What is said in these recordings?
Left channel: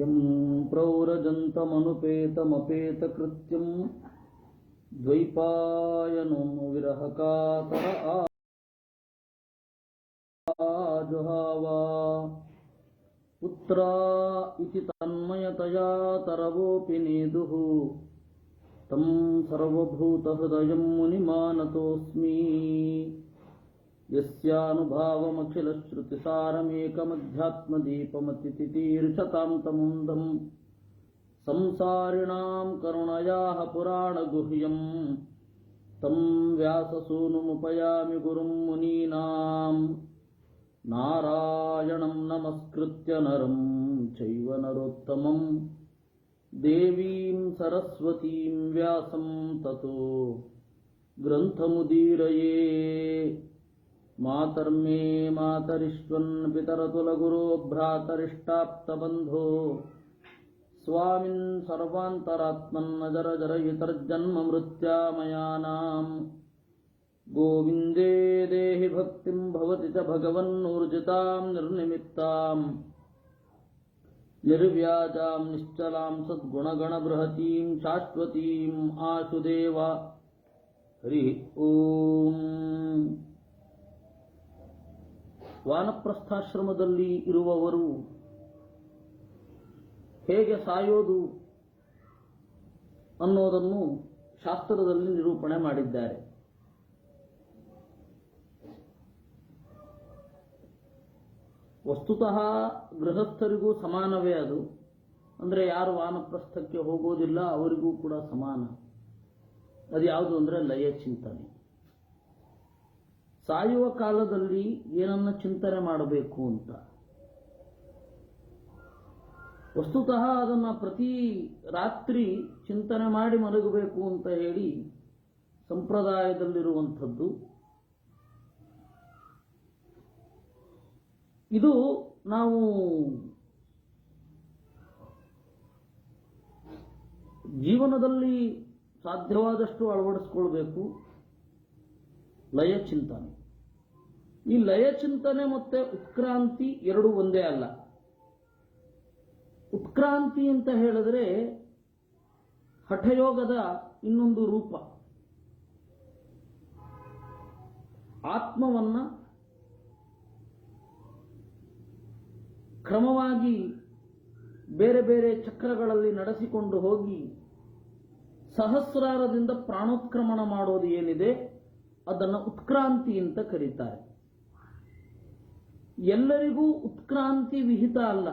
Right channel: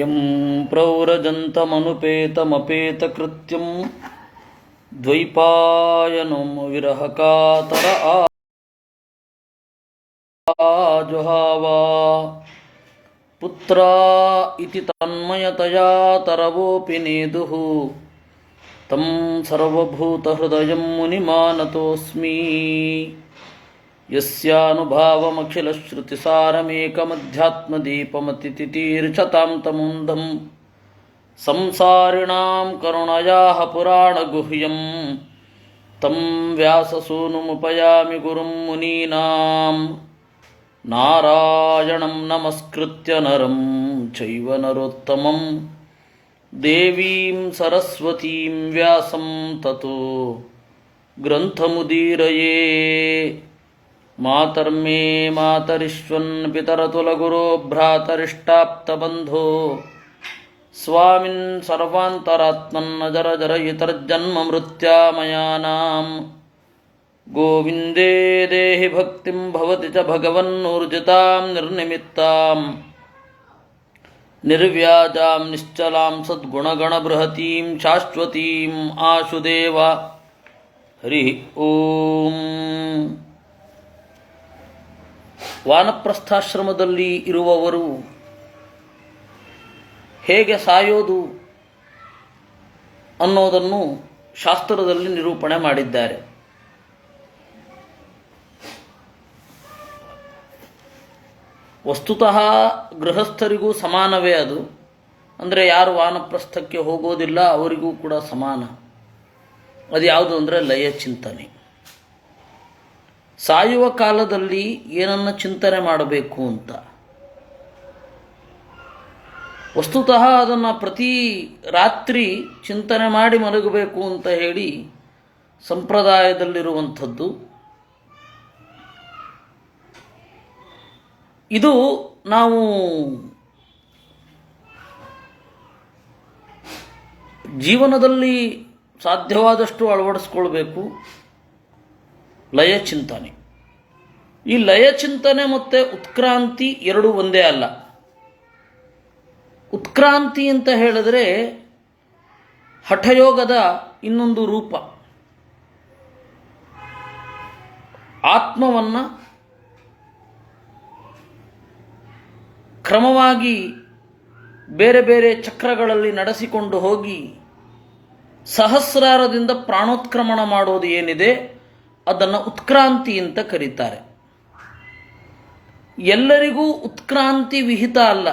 M ಪ್ರವ್ರಜಂತಮನುಪೇತಮಪೇತಕೃತ್ಯಂ ದ್ವೈಪಾಯನಂ ವಿರಹಕಾತರ ಆಜುಹಾವ ಪುತ್ರ ಇತಿ ತನ್ಮಯತಯಾ ತರವೋಪಿ ನೇದುಃ ತಂ ಸರ್ವಭೂತಹೃದಯಂ ಮುನಿಮಾನತೋಸ್ಮಿ ಯಸ್ಯಾನುಭಾವಮಖಿಲಶ್ರುತಿಸಾರಮೇಕಮಧ್ಯಾತ್ಮದೀಪಮತಿತಿತೀರ್ಷತಾಂ ತಮುಂಧಂ ಸಂಸಾರಿಣಾಂ ಕರುಣಯಾಃ ಪುರಾಣಗುಹ್ಯಂ ತಂ ವ್ಯಾಸಸೂನುಮುಪಯಾಮಿ ಗುರುಂ ಮುನೀನಾಂ ನಾರಾಯಣಂ ನಮಸ್ಕೃತ್ಯ ನರಂ ಚೈವ ನರೋತ್ತಮಂ ದೇವೀಂ ಸರಸ್ವತೀಂ ವ್ಯಾಸಂ ತತೋ ಗ್ರಂಥಮುದೀರಯೇ. ಮಾತರ್ಮೇ ಮಾತರಿಶ್ವನ್ ಪಿತರತುಲಗುರೋ ಭ್ರಾತರಿಷ್ಟಾಪ್ತಬಂಧೋ ಸ್ವಾಮಿನ್ ಸರ್ವಾಂತರಾತ್ಮನ್ನಜರಜರಯಿತರ್ಜನ್ಮ ಮೃತ್ಯಾಮಯಾನಾಂ ಗೋವಿಂದೇ ದೇಹಿ ಭಕ್ತಿಂ ಭವತಿ ಚ ಭಗವನ್ನೂರ್ಜಿತಾಂ ನಿರ್ನಿಮಿತ್ತಾಂ ನಿರ್ವ್ಯಾಜಾಂ ನಿಶ್ಚಲಾಂ ಸದ್ಗುಣಗಣಬೃಹತೀಂ ಶಾಶ್ವತೀಂ ಆಶುದೇವ. ಹರಿ ಓಂ. ವಾನಪ್ರಸ್ಥಾಶ್ರಮದಲ್ಲಿ ಇರುವವರು ಹೇಗೆ ಸಾಯೋದು ಅನ್ನೋದನ್ನು ಶಾಸ್ತ್ರದಲ್ಲಿ ನಿರೂಪಣೆ ಮಾಡಿದ್ದಾರೆ. ವಸ್ತುತಃ ಗೃಹಸ್ಥರಿಗೂ ಸಮಾನವೇ ಅದು. ಅಂದರೆ ಯಾರು ವಾನಪ್ರಸ್ಥಕ್ಕೆ ಹೋಗೋದಿಲ್ಲ ಅವರಿಗೂ ಕೂಡ ಸಮಾನ. ಅದು ಯಾವುದು ಅಂದರೆ ಲಯ ಚಿಂತನೆ. ಸಾಯುವ ಕಾಲದಲ್ಲಿ ಏನನ್ನು ಚಿಂತನೆ ಮಾಡಬೇಕು ಅಂತ ವಸ್ತುತಃ ಅದನ್ನು ಪ್ರತಿ ರಾತ್ರಿ ಚಿಂತನೆ ಮಾಡಿ ಮಲಗಬೇಕು ಅಂತ ಹೇಳಿ ಸಂಪ್ರದಾಯದಲ್ಲಿರುವಂಥದ್ದು. ಇದು ನಾವು ಜೀವನದಲ್ಲಿ ಸಾಧ್ಯವಾದಷ್ಟು ಅಳವಡಿಸ್ಕೊಳ್ಬೇಕು. ಲಯ ಚಿಂತನೆ. ಈ ಲಯ ಚಿಂತನೆ ಮತ್ತು ಉತ್ಕ್ರಾಂತಿ ಎರಡೂ ಒಂದೇ ಅಲ್ಲ. ಉತ್ಕ್ರಾಂತಿ ಅಂತ ಹೇಳಿದ್ರೆ ಹಠಯೋಗದ ಇನ್ನೊಂದು ರೂಪ. ಆತ್ಮವನ್ನು ಕ್ರಮವಾಗಿ ಬೇರೆ ಬೇರೆ ಚಕ್ರಗಳಲ್ಲಿ ನಡೆಸಿಕೊಂಡು ಹೋಗಿ ಸಹಸ್ರಾರದಿಂದ ಪ್ರಾಣೋತ್ಕ್ರಮಣ ಮಾಡೋದು ಏನಿದೆ ಅದನ್ನು ಉತ್ಕ್ರಾಂತಿ ಅಂತ ಕರೀತಾರೆ. ಎಲ್ಲರಿಗೂ ಉತ್ಕ್ರಾಂತಿ ವಿಹಿತ ಅಲ್ಲ.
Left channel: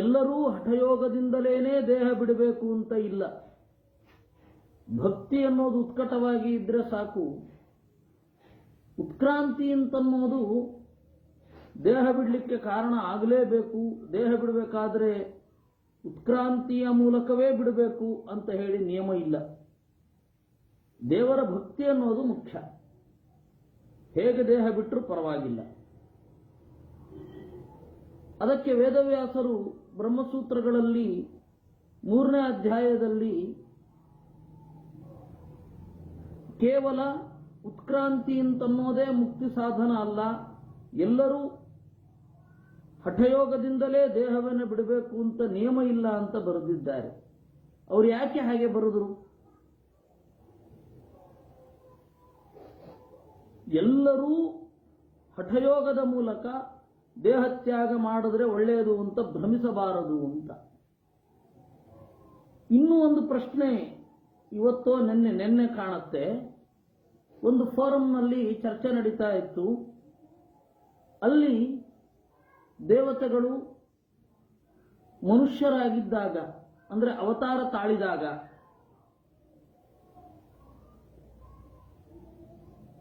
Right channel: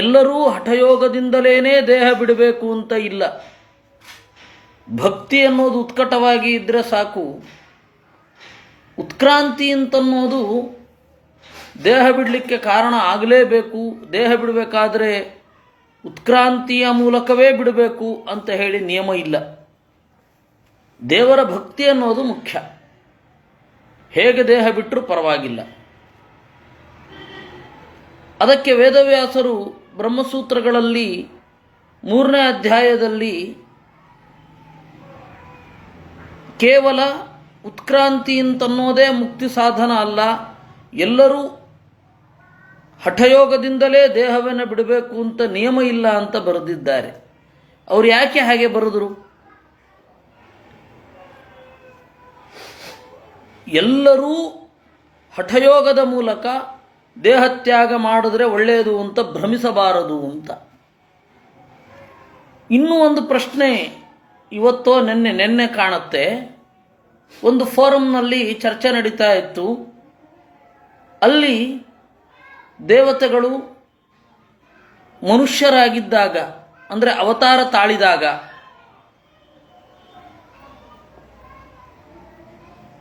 ಎಲ್ಲರೂ ಹಠಯೋಗದಿಂದಲೇ ದೇಹ ಬಿಡಬೇಕು ಅಂತ ಇಲ್ಲ. ಭಕ್ತಿ ಅನ್ನೋದು ಉತ್ಕಟವಾಗಿ ಇದ್ದರೆ ಸಾಕು. ಉತ್ಕ್ರಾಂತಿ ಅಂತನ್ನೋದು ದೇಹ ಬಿಡಲಿಕ್ಕೆ ಕಾರಣ ಆಗಲೇಬೇಕು. ದೇಹ ಬಿಡಬೇಕಾದ್ರೆ ಉತ್ಕ್ರಾಂತಿಯ ಮೂಲಕವೇ ಬಿಡಬೇಕು ಅಂತ ಹೇಳಿ ನಿಯಮ ಇಲ್ಲ. ದೇವರ ಭಕ್ತಿ ಅನ್ನೋದು ಮುಖ್ಯ. ಹೇಗೆ ದೇಹ ಬಿಟ್ಟರೂ ಪರವಾಗಿಲ್ಲ. ಅದಕ್ಕೆ ವೇದವ್ಯಾಸರು ಬ್ರಹ್ಮಸೂತ್ರಗಳಲ್ಲಿ 3ನೇ ಅಧ್ಯಾಯದಲ್ಲಿ ಕೇವಲ ಉತ್ಕ್ರಾಂತಿ ಅಂತನ್ನೋದೇ ಮುಕ್ತಿ ಸಾಧನ ಅಲ್ಲ, ಎಲ್ಲರೂ ಹಠಯೋಗದಿಂದಲೇ ದೇಹವನ್ನು ಬಿಡಬೇಕು ಅಂತ ನಿಯಮ ಇಲ್ಲ ಅಂತ ಬರೆದಿದ್ದಾರೆ. ಅವರು ಯಾಕೆ ಹಾಗೆ ಬರೆದರು? ಎಲ್ಲರೂ ಹಠಯೋಗದ ಮೂಲಕ ದೇಹತ್ಯಾಗ ಮಾಡಿದ್ರೆ ಒಳ್ಳೆಯದು ಅಂತ ಭ್ರಮಿಸಬಾರದು ಅಂತ. ಇನ್ನೂ ಒಂದು ಪ್ರಶ್ನೆ ಇವತ್ತೋ ನೆನ್ನೆ ಕಾಣುತ್ತೆ. ಒಂದು ಫೋರಂನಲ್ಲಿ ಚರ್ಚೆ ನಡೀತಾ ಇತ್ತು. ಅಲ್ಲಿ ದೇವತೆಗಳು ಮನುಷ್ಯರಾಗಿದ್ದಾಗ, ಅಂದರೆ ಅವತಾರ ತಾಳಿದಾಗ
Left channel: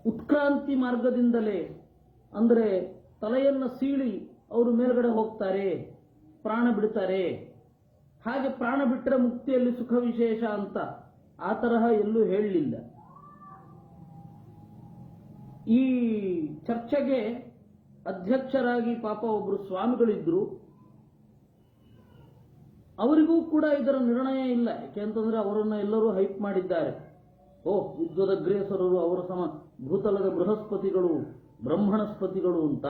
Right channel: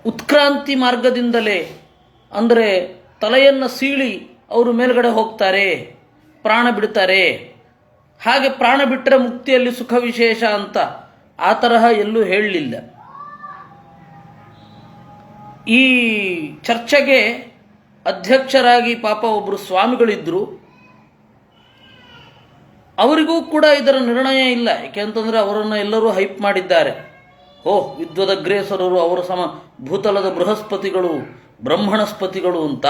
ಉತ್ಕ್ರಾಂತಿ ಮಾರ್ಗದಿಂದಲೇ, ಅಂದರೆ ತಲೆಯನ್ನು ಸೀಳಿ ಅವರು ಮೇಲ್ಗಡೆ ಹೋಗ್ತಾರೆ, ಪ್ರಾಣ ಬಿಡ್ತಾರೆ. ಹಾಗೆ ಪ್ರಾಣ ಬಿಟ್ಟರೆ ಮುಕ್ತಿಯಲ್ಲಿ ಸುಖ ವಿಶೇಷ ಅಂತ ಆ ತರಹ ಎಲ್ಲೂ ಹೇಳಲಿಲ್ಲ. ಈ ಚರ್ಚೆಗೆ ಅಧ್ಯಕ್ಷರಾಗಿ ಪಾಪ ಒಬ್ಬರು ಸ್ವಾಮಿಗಳಿದ್ದರು. ಅವರಿಗೂ ಕೂಡ ಇದರ ನಿರ್ಣಯ ಇಲ್ಲ. ಯಾಕೆಂತಂದರೆ ಅವರನ್ನು ಎಲ್ಲರೂ ಹೈಪ್ ಮಾಡಿದ್ದಾರೆ. ವಿದ್ವದಗ್ರೇಸರರು, ಅವರ ಭೂತಲದ ಬೃಹಸ್ಪತಿಗಳು, ಬ್ರಹ್ಮಣಸ್ಪತಿಗಳು ಅಂತ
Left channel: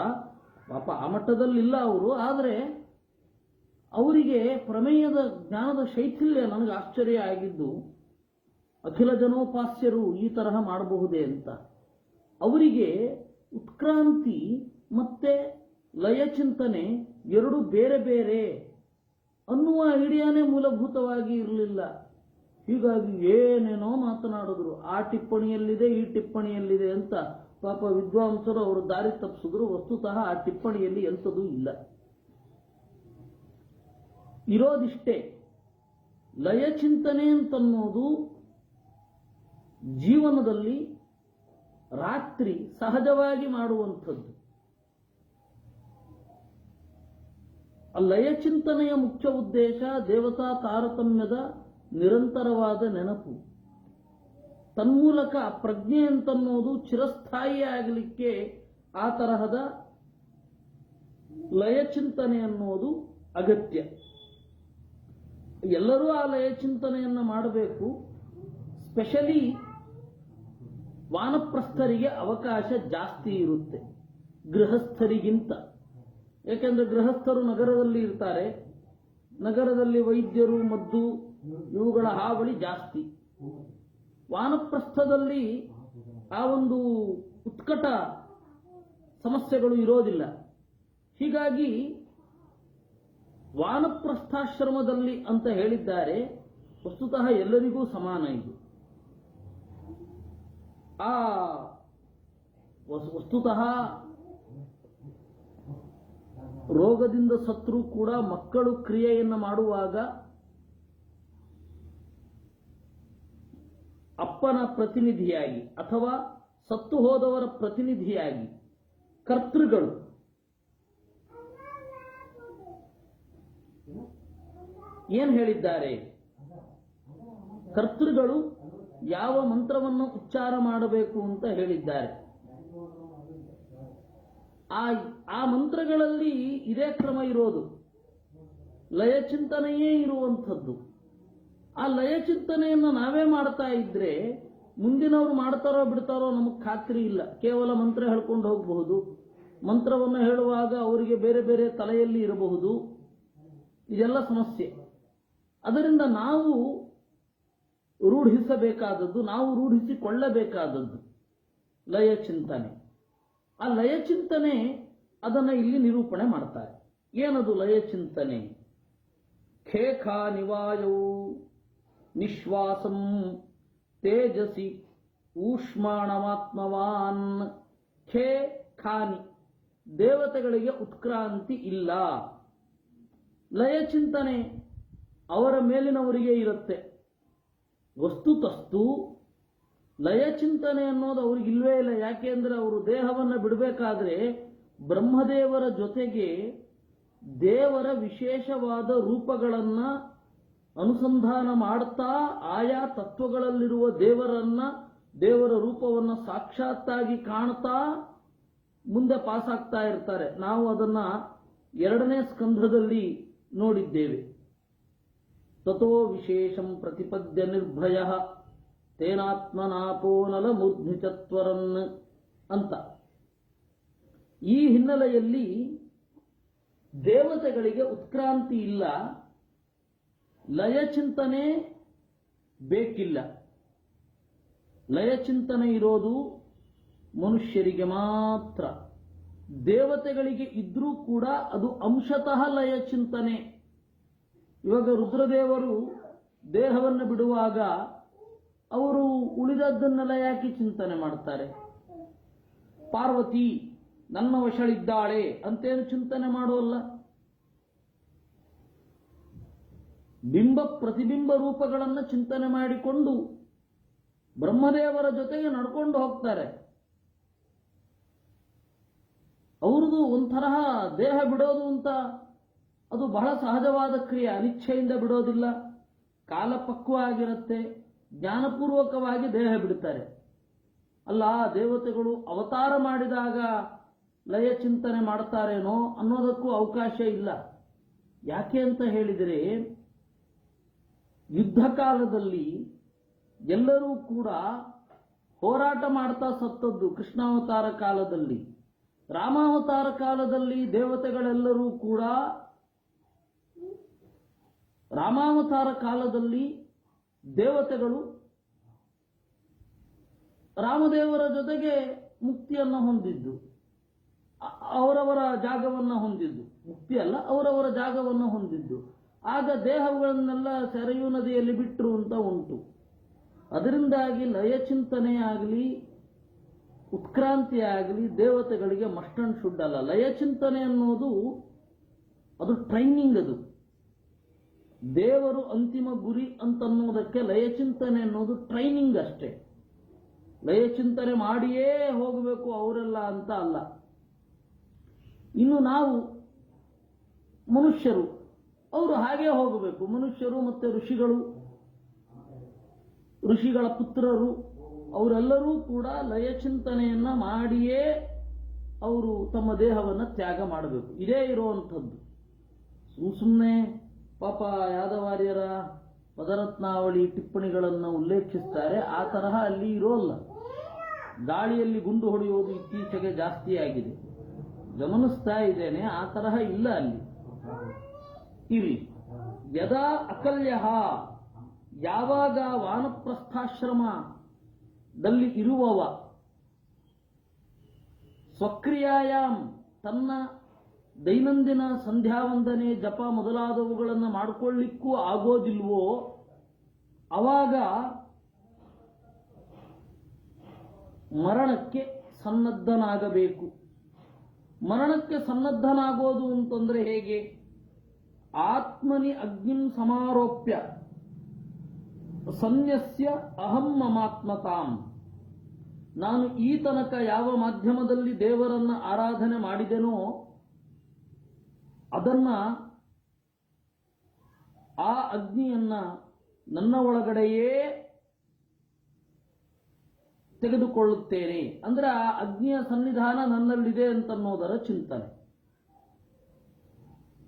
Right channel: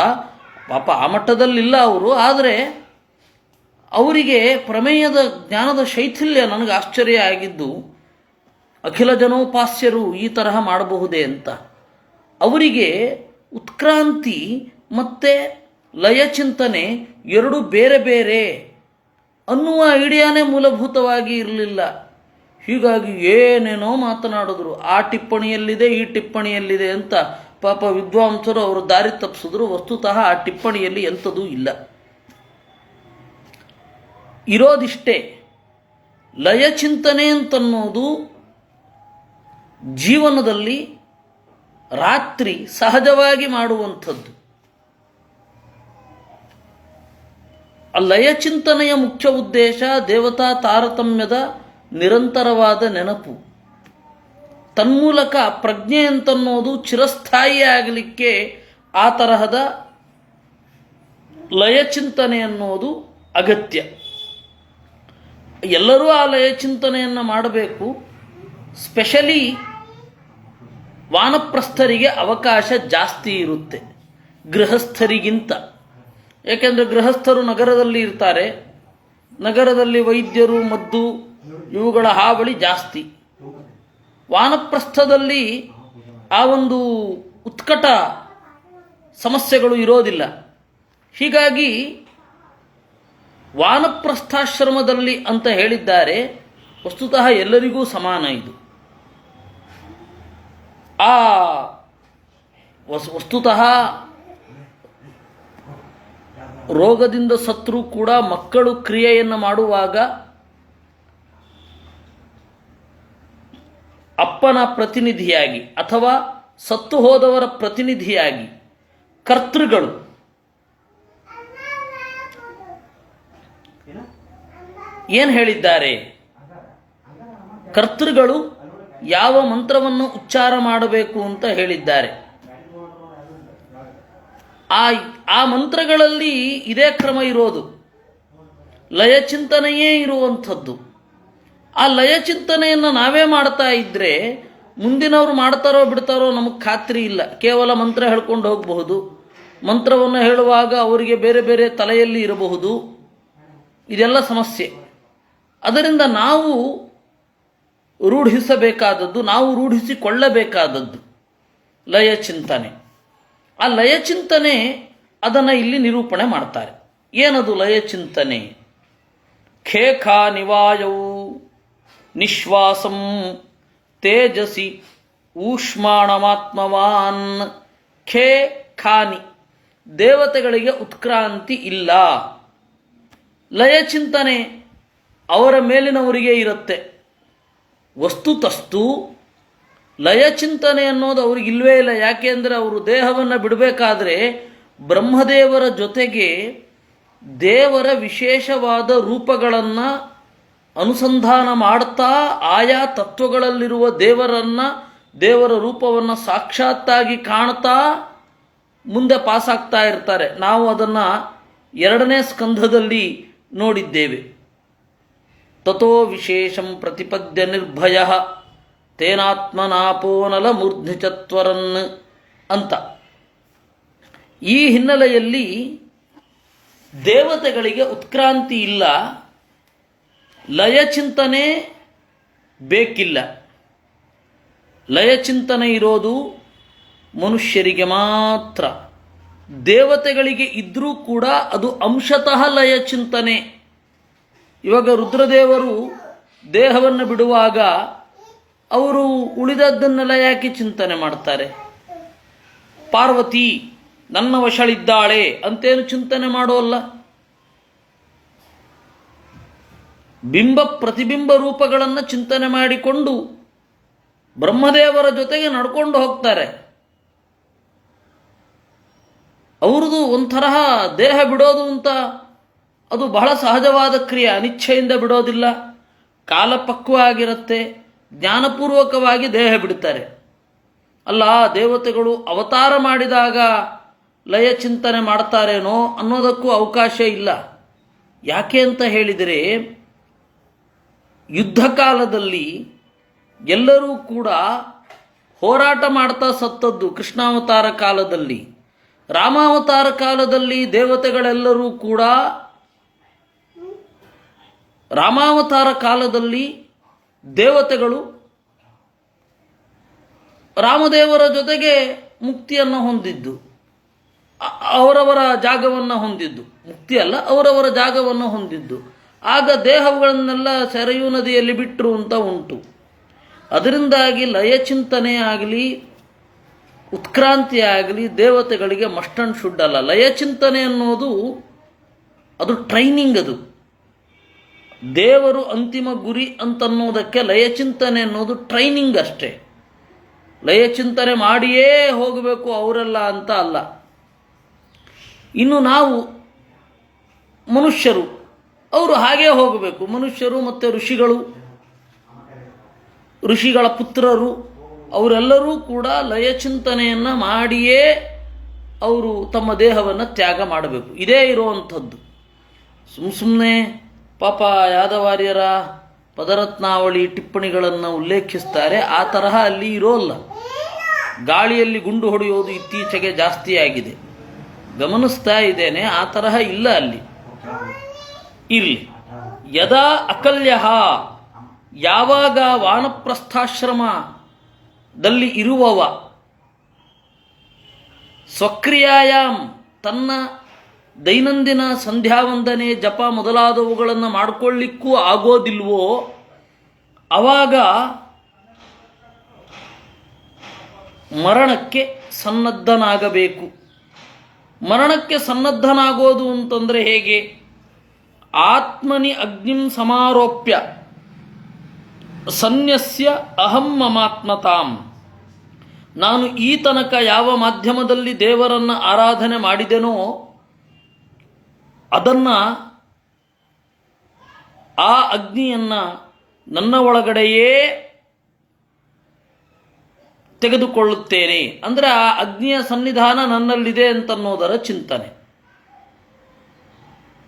ಪಾಪ ಆ ಮಟ್ಟದಲ್ಲಿಲ್ಲ ಅವರು, ಆದರೆ ಅವರಿಗೆ ಪ್ರಮೇಯದ ಜ್ಞಾನದ ಶೈಥಿಲ್ಯ ನನಗೆ ಆಶ್ಚರ್ಯ ಆಗಿದ್ದು, ಅಖಿಲ ಜನೋಪಾಸ್ಯರು ಈ ತರಹ ಮಾಡಬಹುದೇ ಅಂತ. ಅವರಿಗೆ ಉತ್ಕ್ರಾಂತಿ ಮತ್ತು ಲಯಚಿಂತನೆ ಎರಡು ಬೇರೆ ಬೇರೆ ಅನ್ನುವ ಐಡಿಯಾನೇ ಮೂಲಭೂತವಾಗಿ ಇರಲಿಲ್ಲ. ಹೀಗಾಗಿ ಏನೇನೋ ಮಾತನಾಡಿದ್ರು, ಆ ಟಿಪ್ಪಣಿಯಲ್ಲಿದೆ ಈ ಟಿಪ್ಪಣಿಯಲ್ಲಿದೆ ಅಂತ. ಪಾಪ ವಿದ್ವಾಂಸರು ಅವರು ದಾರಿ ತಪ್ಪಿಸಿದ್ರು. ವಸ್ತುತಃ ಆ ಟಿಪ್ಪಣಿಯಲ್ಲಿ ಎಂಥದೂ ಇಲ್ಲ. ಇರೋದಿಷ್ಟೇ, ಲಯಚಿಂತನೆ ಅಂತನ್ನೋದು ಜೀವನದಲ್ಲಿ ರಾತ್ರಿ ಸಹಜವಾಗಿ ಮಾಡುವಂಥದ್ದು. ಆ ಲಯಚಿಂತನೆಯ ಮುಖ್ಯ ಉದ್ದೇಶ ದೇವತಾ ತಾರತಮ್ಯದ ನಿರಂತರವಾದ ನೆನಪು. ತನ್ಮೂಲಕ ಪ್ರಜ್ಞೆ ಅಂತನ್ನೋದು ಚಿರಸ್ಥಾಯಿ ಆಗಲಿಕ್ಕೆ ಆ ತರಹದ ಲಯಚಿಂತನೆ ಅನ್ನೋದು ಅಗತ್ಯ. ಎಲ್ಲರೂ ಆ ಲಯಚಿಂತನೆಯನ್ನು ಮಾಡಬೇಕು. ಸ್ಪೆಷಲಿ ವಾನಪ್ರಸ್ಥರಿಗೆ ಅವಕಾಶ ಜಾಸ್ತಿ ಇರುತ್ತೆ ಗೃಹಸ್ಥರಿಗಿಂತ. ಏಕೆಂದರೆ ಗೃಹಸ್ಥರು ನಗರದಲ್ಲಿ ಇರ್ತಾರೆ, ನಗರದಲ್ಲಿ ವೈದ್ಯರು ಮದ್ದು ಇವುಗಳ ಹಾವಳಿ ಜಾಸ್ತಿ. ವಾನಪ್ರಸ್ಥದಲ್ಲಿ ಆ ಒಂದು ಉತ್ಕಟ ಸಮಸ್ಯೆಗಳು ಇರೋದಿಲ್ಲ. ಹೀಗಾಗಿ ವಾನಪ್ರಸ್ಥಾಶ್ರಮದಲ್ಲಿ ಅಂತ ಹೇಳಿದ್ದಾರೆ, ವಸ್ತುತಃ ಎಲ್ಲರಿಗೂ ಸಮಾನ ಇದು. ಆ ವಸ್ತುತಃ ರೋಗದಿಂದ ಸತ್ರು ಕೂಡ ಮಕ್ಕಳು ಕ್ರಿಯೆಯನ್ನು ಮಾಡುವಾಗ ಅಪ್ಪನ ಪ್ರತಿನಿಧಿಯಾಗಿ ಅಥವಾ ಸತ್ತು ಹೋದವರ ಪ್ರತಿನಿಧಿಯಾಗಿ ಕರ್ತೃಗಳು ಏನು ಹೇಳಿದ್ದಾರೆ? ಕರ್ತೃಗಳು ಯಾವ ಮಂತ್ರವನ್ನು ಉಚ್ಚಾರ ಮಾಡಬೇಕು ಅಂತ ಹೇಳಿದ್ದಾರೆ. ಆ ಮಂತ್ರಗಳಲ್ಲಿ ಇದೇ ಕ್ರಮ ಇರೋದು, ಲಯಚಿಂತನೆಯೇ ಇರುವಂಥದ್ದು. ಆ ಲಯಚಿಂತನೆಯನ್ನು ನಾವೇ ಮಾಡ್ತಾ ಇದ್ದರೆ ಮುಂದಿನವರು ಮಾಡ್ತಾರೋ ಬಿಡ್ತಾರೋ ನಮಗೆ ಖಾತ್ರಿ ಇಲ್ಲ. ಕೇವಲ ಮಂತ್ರ ಹೇಳ್ಕೊಂಡು ಹೋಗಬಹುದು. ಮಂತ್ರವನ್ನು ಹೇಳುವಾಗ ಅವರಿಗೆ ಬೇರೆ ಬೇರೆ ತಲೆಯಲ್ಲಿ ಇರಬಹುದು. ಇದೆಲ್ಲ ಸಮಸ್ಯೆ. ಅದರಿಂದ ನಾವು ರೂಢಿಸಬೇಕಾದದ್ದು, ನಾವು ರೂಢಿಸಿಕೊಳ್ಳಬೇಕಾದದ್ದು ಲಯಚಿಂತನೆ. ಆ ಲಯಚಿಂತನೆ ಅದನ್ನು ಇಲ್ಲಿ ನಿರೂಪಣೆ ಮಾಡ್ತಾರೆ. ಏನದು ಲಯಚಿಂತನೆ? ಖೇಖಾ ನಿವಾಯವು ನಿಶ್ವಾಸಂ ತೇಜಸಿ ಊಷ್ಮಾಣಮಾತ್ಮವಾನ್. ಖೇ ಖಾನಿ, ದೇವತೆಗಳಿಗೆ ಉತ್ಕ್ರಾಂತಿ ಇಲ್ಲ. ಲಯಚಿಂತನೆ ಅವರ ಮೇಲಿನವರಿಗೆ ಇರುತ್ತೆ. ವಸ್ತುತಸ್ತು ಲಯಚಿಂತನೆ ಅನ್ನೋದು ಅವ್ರಿಗಿಲ್ವೇ ಇಲ್ಲ. ಯಾಕೆಂದರೆ ಅವರು ದೇಹವನ್ನು ಬಿಡಬೇಕಾದ್ರೆ ಬ್ರಹ್ಮದೇವರ ಜೊತೆಗೆ ದೇವರ ವಿಶೇಷವಾದ ರೂಪಗಳನ್ನು ಅನುಸಂಧಾನ ಮಾಡ್ತಾ ಆಯಾ ತತ್ವಗಳಲ್ಲಿರುವ ದೇವರ ರೂಪವನ್ನು ಸಾಕ್ಷಾತ್ತಾಗಿ ಕಾಣ್ತಾ ಮುಂದೆ ಪಾಸಾಗ್ತಾ ಇರ್ತಾರೆ. ನಾವು ಅದನ್ನು 2ನೇ ಸ್ಕಂಧದಲ್ಲಿ ನೋಡಿದ್ದೇವೆ. ತಥೋ ವಿಶೇಷಂ ಪ್ರತಿಪದ್ಯ ನಿರ್ಭಯ ತೇನಾತ್ಮನಾಪೋನಲ ಮೂರ್ಧ್ನಿಚತ್ವರನ್ ಅಂತ. ಈ ಹಿನ್ನೆಲೆಯಲ್ಲಿ ದೇವತೆಗಳಿಗೆ ಉತ್ಕ್ರಾಂತಿ ಇಲ್ಲ, ಲಯಚಿಂತನೆ ಬೇಕಿಲ್ಲ. ಲಯಚಿಂತನೆ ಇರೋದು ಮನುಷ್ಯರಿಗೆ ಮಾತ್ರ. ದೇವತೆಗಳಿಗೆ ಇದ್ದರೂ ಕೂಡ ಅದು ಅಂಶತಃ ಲಯಚಿಂತನೆ. ಇವಾಗ ರುದ್ರದೇವರು ದೇಹವನ್ನು ಬಿಡುವಾಗ ಅವರು ಉಳಿದದ್ದನ್ನೆಲ್ಲ ಯಾಕೆ ಚಿಂತನೆ ಮಾಡ್ತಾರೆ? ಪಾರ್ವತಿ ನನ್ನ ವಶಳಿದ್ದಾಳೆ ಅಂತೇನು ಚಿಂತನೆ ಮಾಡೋಲ್ಲ. ಬಿಂಬ ಪ್ರತಿಬಿಂಬ ರೂಪಗಳನ್ನು ಚಿಂತನೆ ಮಾಡಿಕೊಂಡು ಬ್ರಹ್ಮದೇವರ ಜೊತೆಗೆ ನಡ್ಕೊಂಡು ಹೋಗ್ತಾರೆ. ಅವ್ರದ್ದು ಒಂಥರಹ ದೇಹ ಬಿಡೋದು ಅಂತ ಅದು ಬಹಳ ಸಹಜವಾದ ಕ್ರಿಯೆ. ಅನಿಚ್ಛೆಯಿಂದ ಬಿಡೋದಿಲ್ಲ, ಕಾಲಪಕ್ವ ಆಗಿರುತ್ತೆ. ಜ್ಞಾನಪೂರ್ವಕವಾಗಿ ದೇಹ ಬಿಡ್ತಾರೆ. ಅಲ್ಲ, ದೇವತೆಗಳು ಅವತಾರ ಮಾಡಿದಾಗ ಲಯಚಿಂತನೆ ಮಾಡ್ತಾರೇನೋ ಅನ್ನೋದಕ್ಕೂ ಅವಕಾಶ ಇಲ್ಲ. ಯಾಕೆ ಅಂತ ಹೇಳಿದರೆ, ಯುದ್ಧ ಕಾಲದಲ್ಲಿ ಎಲ್ಲರೂ ಕೂಡ ಹೋರಾಟ ಮಾಡ್ತಾ ಸತ್ತದ್ದು. ಕೃಷ್ಣಾವತಾರ ಕಾಲದಲ್ಲಿ ರಾಮಾವತಾರ ಕಾಲದಲ್ಲಿ ದೇವತೆಗಳೆಲ್ಲರೂ ಕೂಡ ರಾಮಾವತಾರ ಕಾಲದಲ್ಲಿ ದೇವತೆಗಳು ರಾಮದೇವರ ಜೊತೆಗೆ ಮುಕ್ತಿಯನ್ನು ಹೊಂದಿದ್ದು, ಅವರವರ ಜಾಗವನ್ನು ಹೊಂದಿದ್ದು, ಮುಕ್ತಿ ಅಲ್ಲ, ಅವರವರ ಜಾಗವನ್ನು ಹೊಂದಿದ್ದು. ಆಗ ದೇಹಗಳನ್ನೆಲ್ಲ ಸೆರೆಯೂ ನದಿಯಲ್ಲಿ ಬಿಟ್ಟರು ಅಂತ ಉಂಟು. ಅದರಿಂದಾಗಿ ಲಯಚಿಂತನೆ ಆಗಲಿ ಉತ್ಕ್ರಾಂತಿ ಆಗಲಿ ದೇವತೆಗಳಿಗೆ ಮಸ್ಟ್ ಅಂಡ್ ಶುಡ್ ಅಲ್ಲ. ಲಯಚಿಂತನೆ ಅನ್ನೋದು ಅದು ಟ್ರೈನಿಂಗ್. ಅದು ದೇವರು ಅಂತಿಮ ಗುರಿ ಅಂತನ್ನೋದಕ್ಕೆ ಲಯಚಿಂತನೆ ಅನ್ನೋದು ಟ್ರೈನಿಂಗ್ ಅಷ್ಟೇ. ಲಯಚಿಂತನೆ ಮಾಡಿಯೇ ಹೋಗಬೇಕು ಅವರೆಲ್ಲ ಅಂತ ಅಲ್ಲ. ಇನ್ನು ನಾವು ಮನುಷ್ಯರು, ಅವರು ಹಾಗೇ ಹೋಗಬೇಕು. ಮನುಷ್ಯರು ಮತ್ತು ಋಷಿಗಳ ಪುತ್ರರು ಅವರೆಲ್ಲರೂ ಕೂಡ ಲಯಚಿಂತನೆಯನ್ನು ಮಾಡಿಯೇ ಅವರು ತಮ್ಮ ದೇಹವನ್ನು ತ್ಯಾಗ ಮಾಡಬೇಕು. ಇದೇ ಇರುವಂಥದ್ದು. ಸುಮ್ಮನೆ ಪಾಪ ಯಾದವಾರ್ಯರ ಪದರತ್ನಾವಳಿ ಟಿಪ್ಪಣಿಗಳನ್ನು ಉಲ್ಲೇಖಿಸ್ತಾರೆ. ಆ ತರಹ ಅಲ್ಲಿ ಇರೋಲ್ಲ. ಗಾಳಿಯಲ್ಲಿ ಗುಂಡು ಹೊಡೆಯೋದು ಇತ್ತೀಚೆಗೆ ಜಾಸ್ತಿ ಆಗಿದೆ, ಗಮನಿಸ್ತಾ ಇದ್ದೇನೆ. ಆ ತರಹ ಇಲ್ಲ ಅಲ್ಲಿ. ಇರಲಿ. ಯದಾ ಅಕಲ್ಯ, ಯಾವಾಗ ವಾನಪ್ರಸ್ಥಾಶ್ರಮದಲ್ಲಿ ಇರುವವ ಸ್ವಕ್ರಿಯಾಯಾಮ್ ತನ್ನ ದೈನಂದಿನ ಸಂಧ್ಯಾವಂದನೆ ಜಪ ಮೊದಲಾದವುಗಳನ್ನು ಮಾಡಿಕೊಳ್ಳಿಕ್ಕೂ ಆಗೋದಿಲ್ವೋ ಆವಾಗ ಮರಣಕ್ಕೆ ಸನ್ನದ್ಧನಾಗಬೇಕು. ಮರಣಕ್ಕೆ ಸನ್ನದ್ಧನಾಗೋದು ಅಂತಂದರೆ ಹೇಗೆ? ಆತ್ಮನಿ ಅಗ್ನಿಂ ಸಮಾರೋಪ್ಯ ಸನ್ಯಸ್ಯ ಅಹಂ ಮಮಾತ್ಮತಾಂ. ನಾನು ಈ ತನಕ ಯಾವ ಮಾಧ್ಯಮದಲ್ಲಿ ದೇವರನ್ನು ಆರಾಧನೆ ಮಾಡಿದೆನೋ ಅದನ್ನು, ಆ ಅಗ್ನಿಯನ್ನು ನನ್ನ ಒಳಗಡೆಯೇ ತೆಗೆದುಕೊಳ್ಳುತ್ತೇನೆ. ಅಂದರೆ ಆ ಅಗ್ನಿಯ ಸನ್ನಿಧಾನ ನನ್ನಲ್ಲಿದೆ ಅಂತನ್ನೋದರ ಚಿಂತನೆ.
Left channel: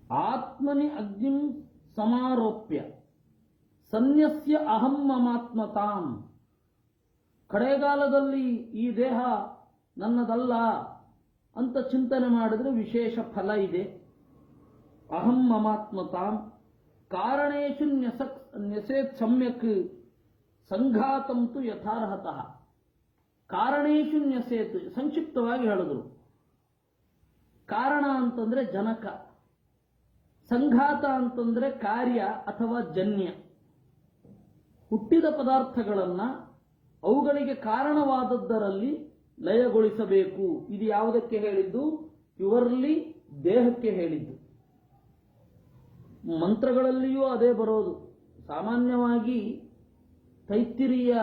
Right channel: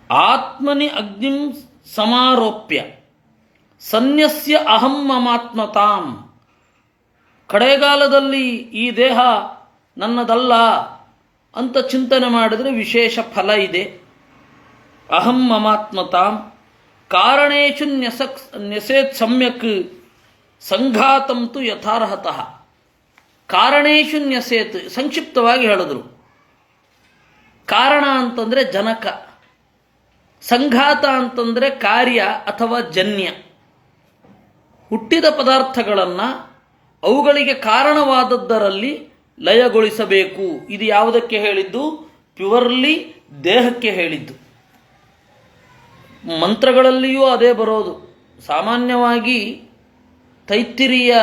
ಆತ್ಮನಿ ಅಗ್ನಿಂ ಸಮಾರೋಪ್ಯ ಸನ್ಯಸ್ಯ ಅಹಂ ಮಮಾತ್ಮತಾಂ. ಕಡೆಗಾಲದಲ್ಲಿ ಈ ದೇಹ ನನ್ನದಲ್ಲ ಅಂತ ಚಿಂತನೆ ಮಾಡಿದರೆ ವಿಶೇಷ ಫಲ ಇದೆ. ಅಹಂ ಮಮಾತ್ಮತಾಂ ಕಾರಣೇಶು ನ್ಯಸೇತ್ ಸಮ್ಯಕ್ ಸಂಘಾತಂತು ಯಥಾರ್ಹತಃ. ಕಾರಣೇಶು ನ್ಯಸೇತ್ ಸಂಕ್ಷಿಪ್ತವಾಗಿ ಹೇಳಿದ್ರು. ಕಾರಣ ಅಂತಂದರೆ ಜನಕ, ಸಂಘಾತ ಅಂತಂದರೆ ಕಾರ್ಯ ಅಥವಾ ಜನ್ಯ. ಹುಟ್ಟಿದ ಪದಾರ್ಥಗಳನ್ನು ಅವುಗಳಿಗೆ ಕಾರಣವಾದದ್ದರಲ್ಲಿ ಲಯಗೊಳಿಸಬೇಕು. ಇದು ಯಾವುದಕ್ಕೆ ಹೇಳಿದ್ದು? ಪ್ಯೂರ್ಲಿ ದೇಹಕ್ಕೆ ಹೇಳಿದ್ದು. ಮಂತ್ರಗಳಲ್ಲಿಯೂ ಅದೇ ಬರೋದು. ಸಾಮಾನ್ಯವಾಗಿ ತೈತ್ತಿರೀಯ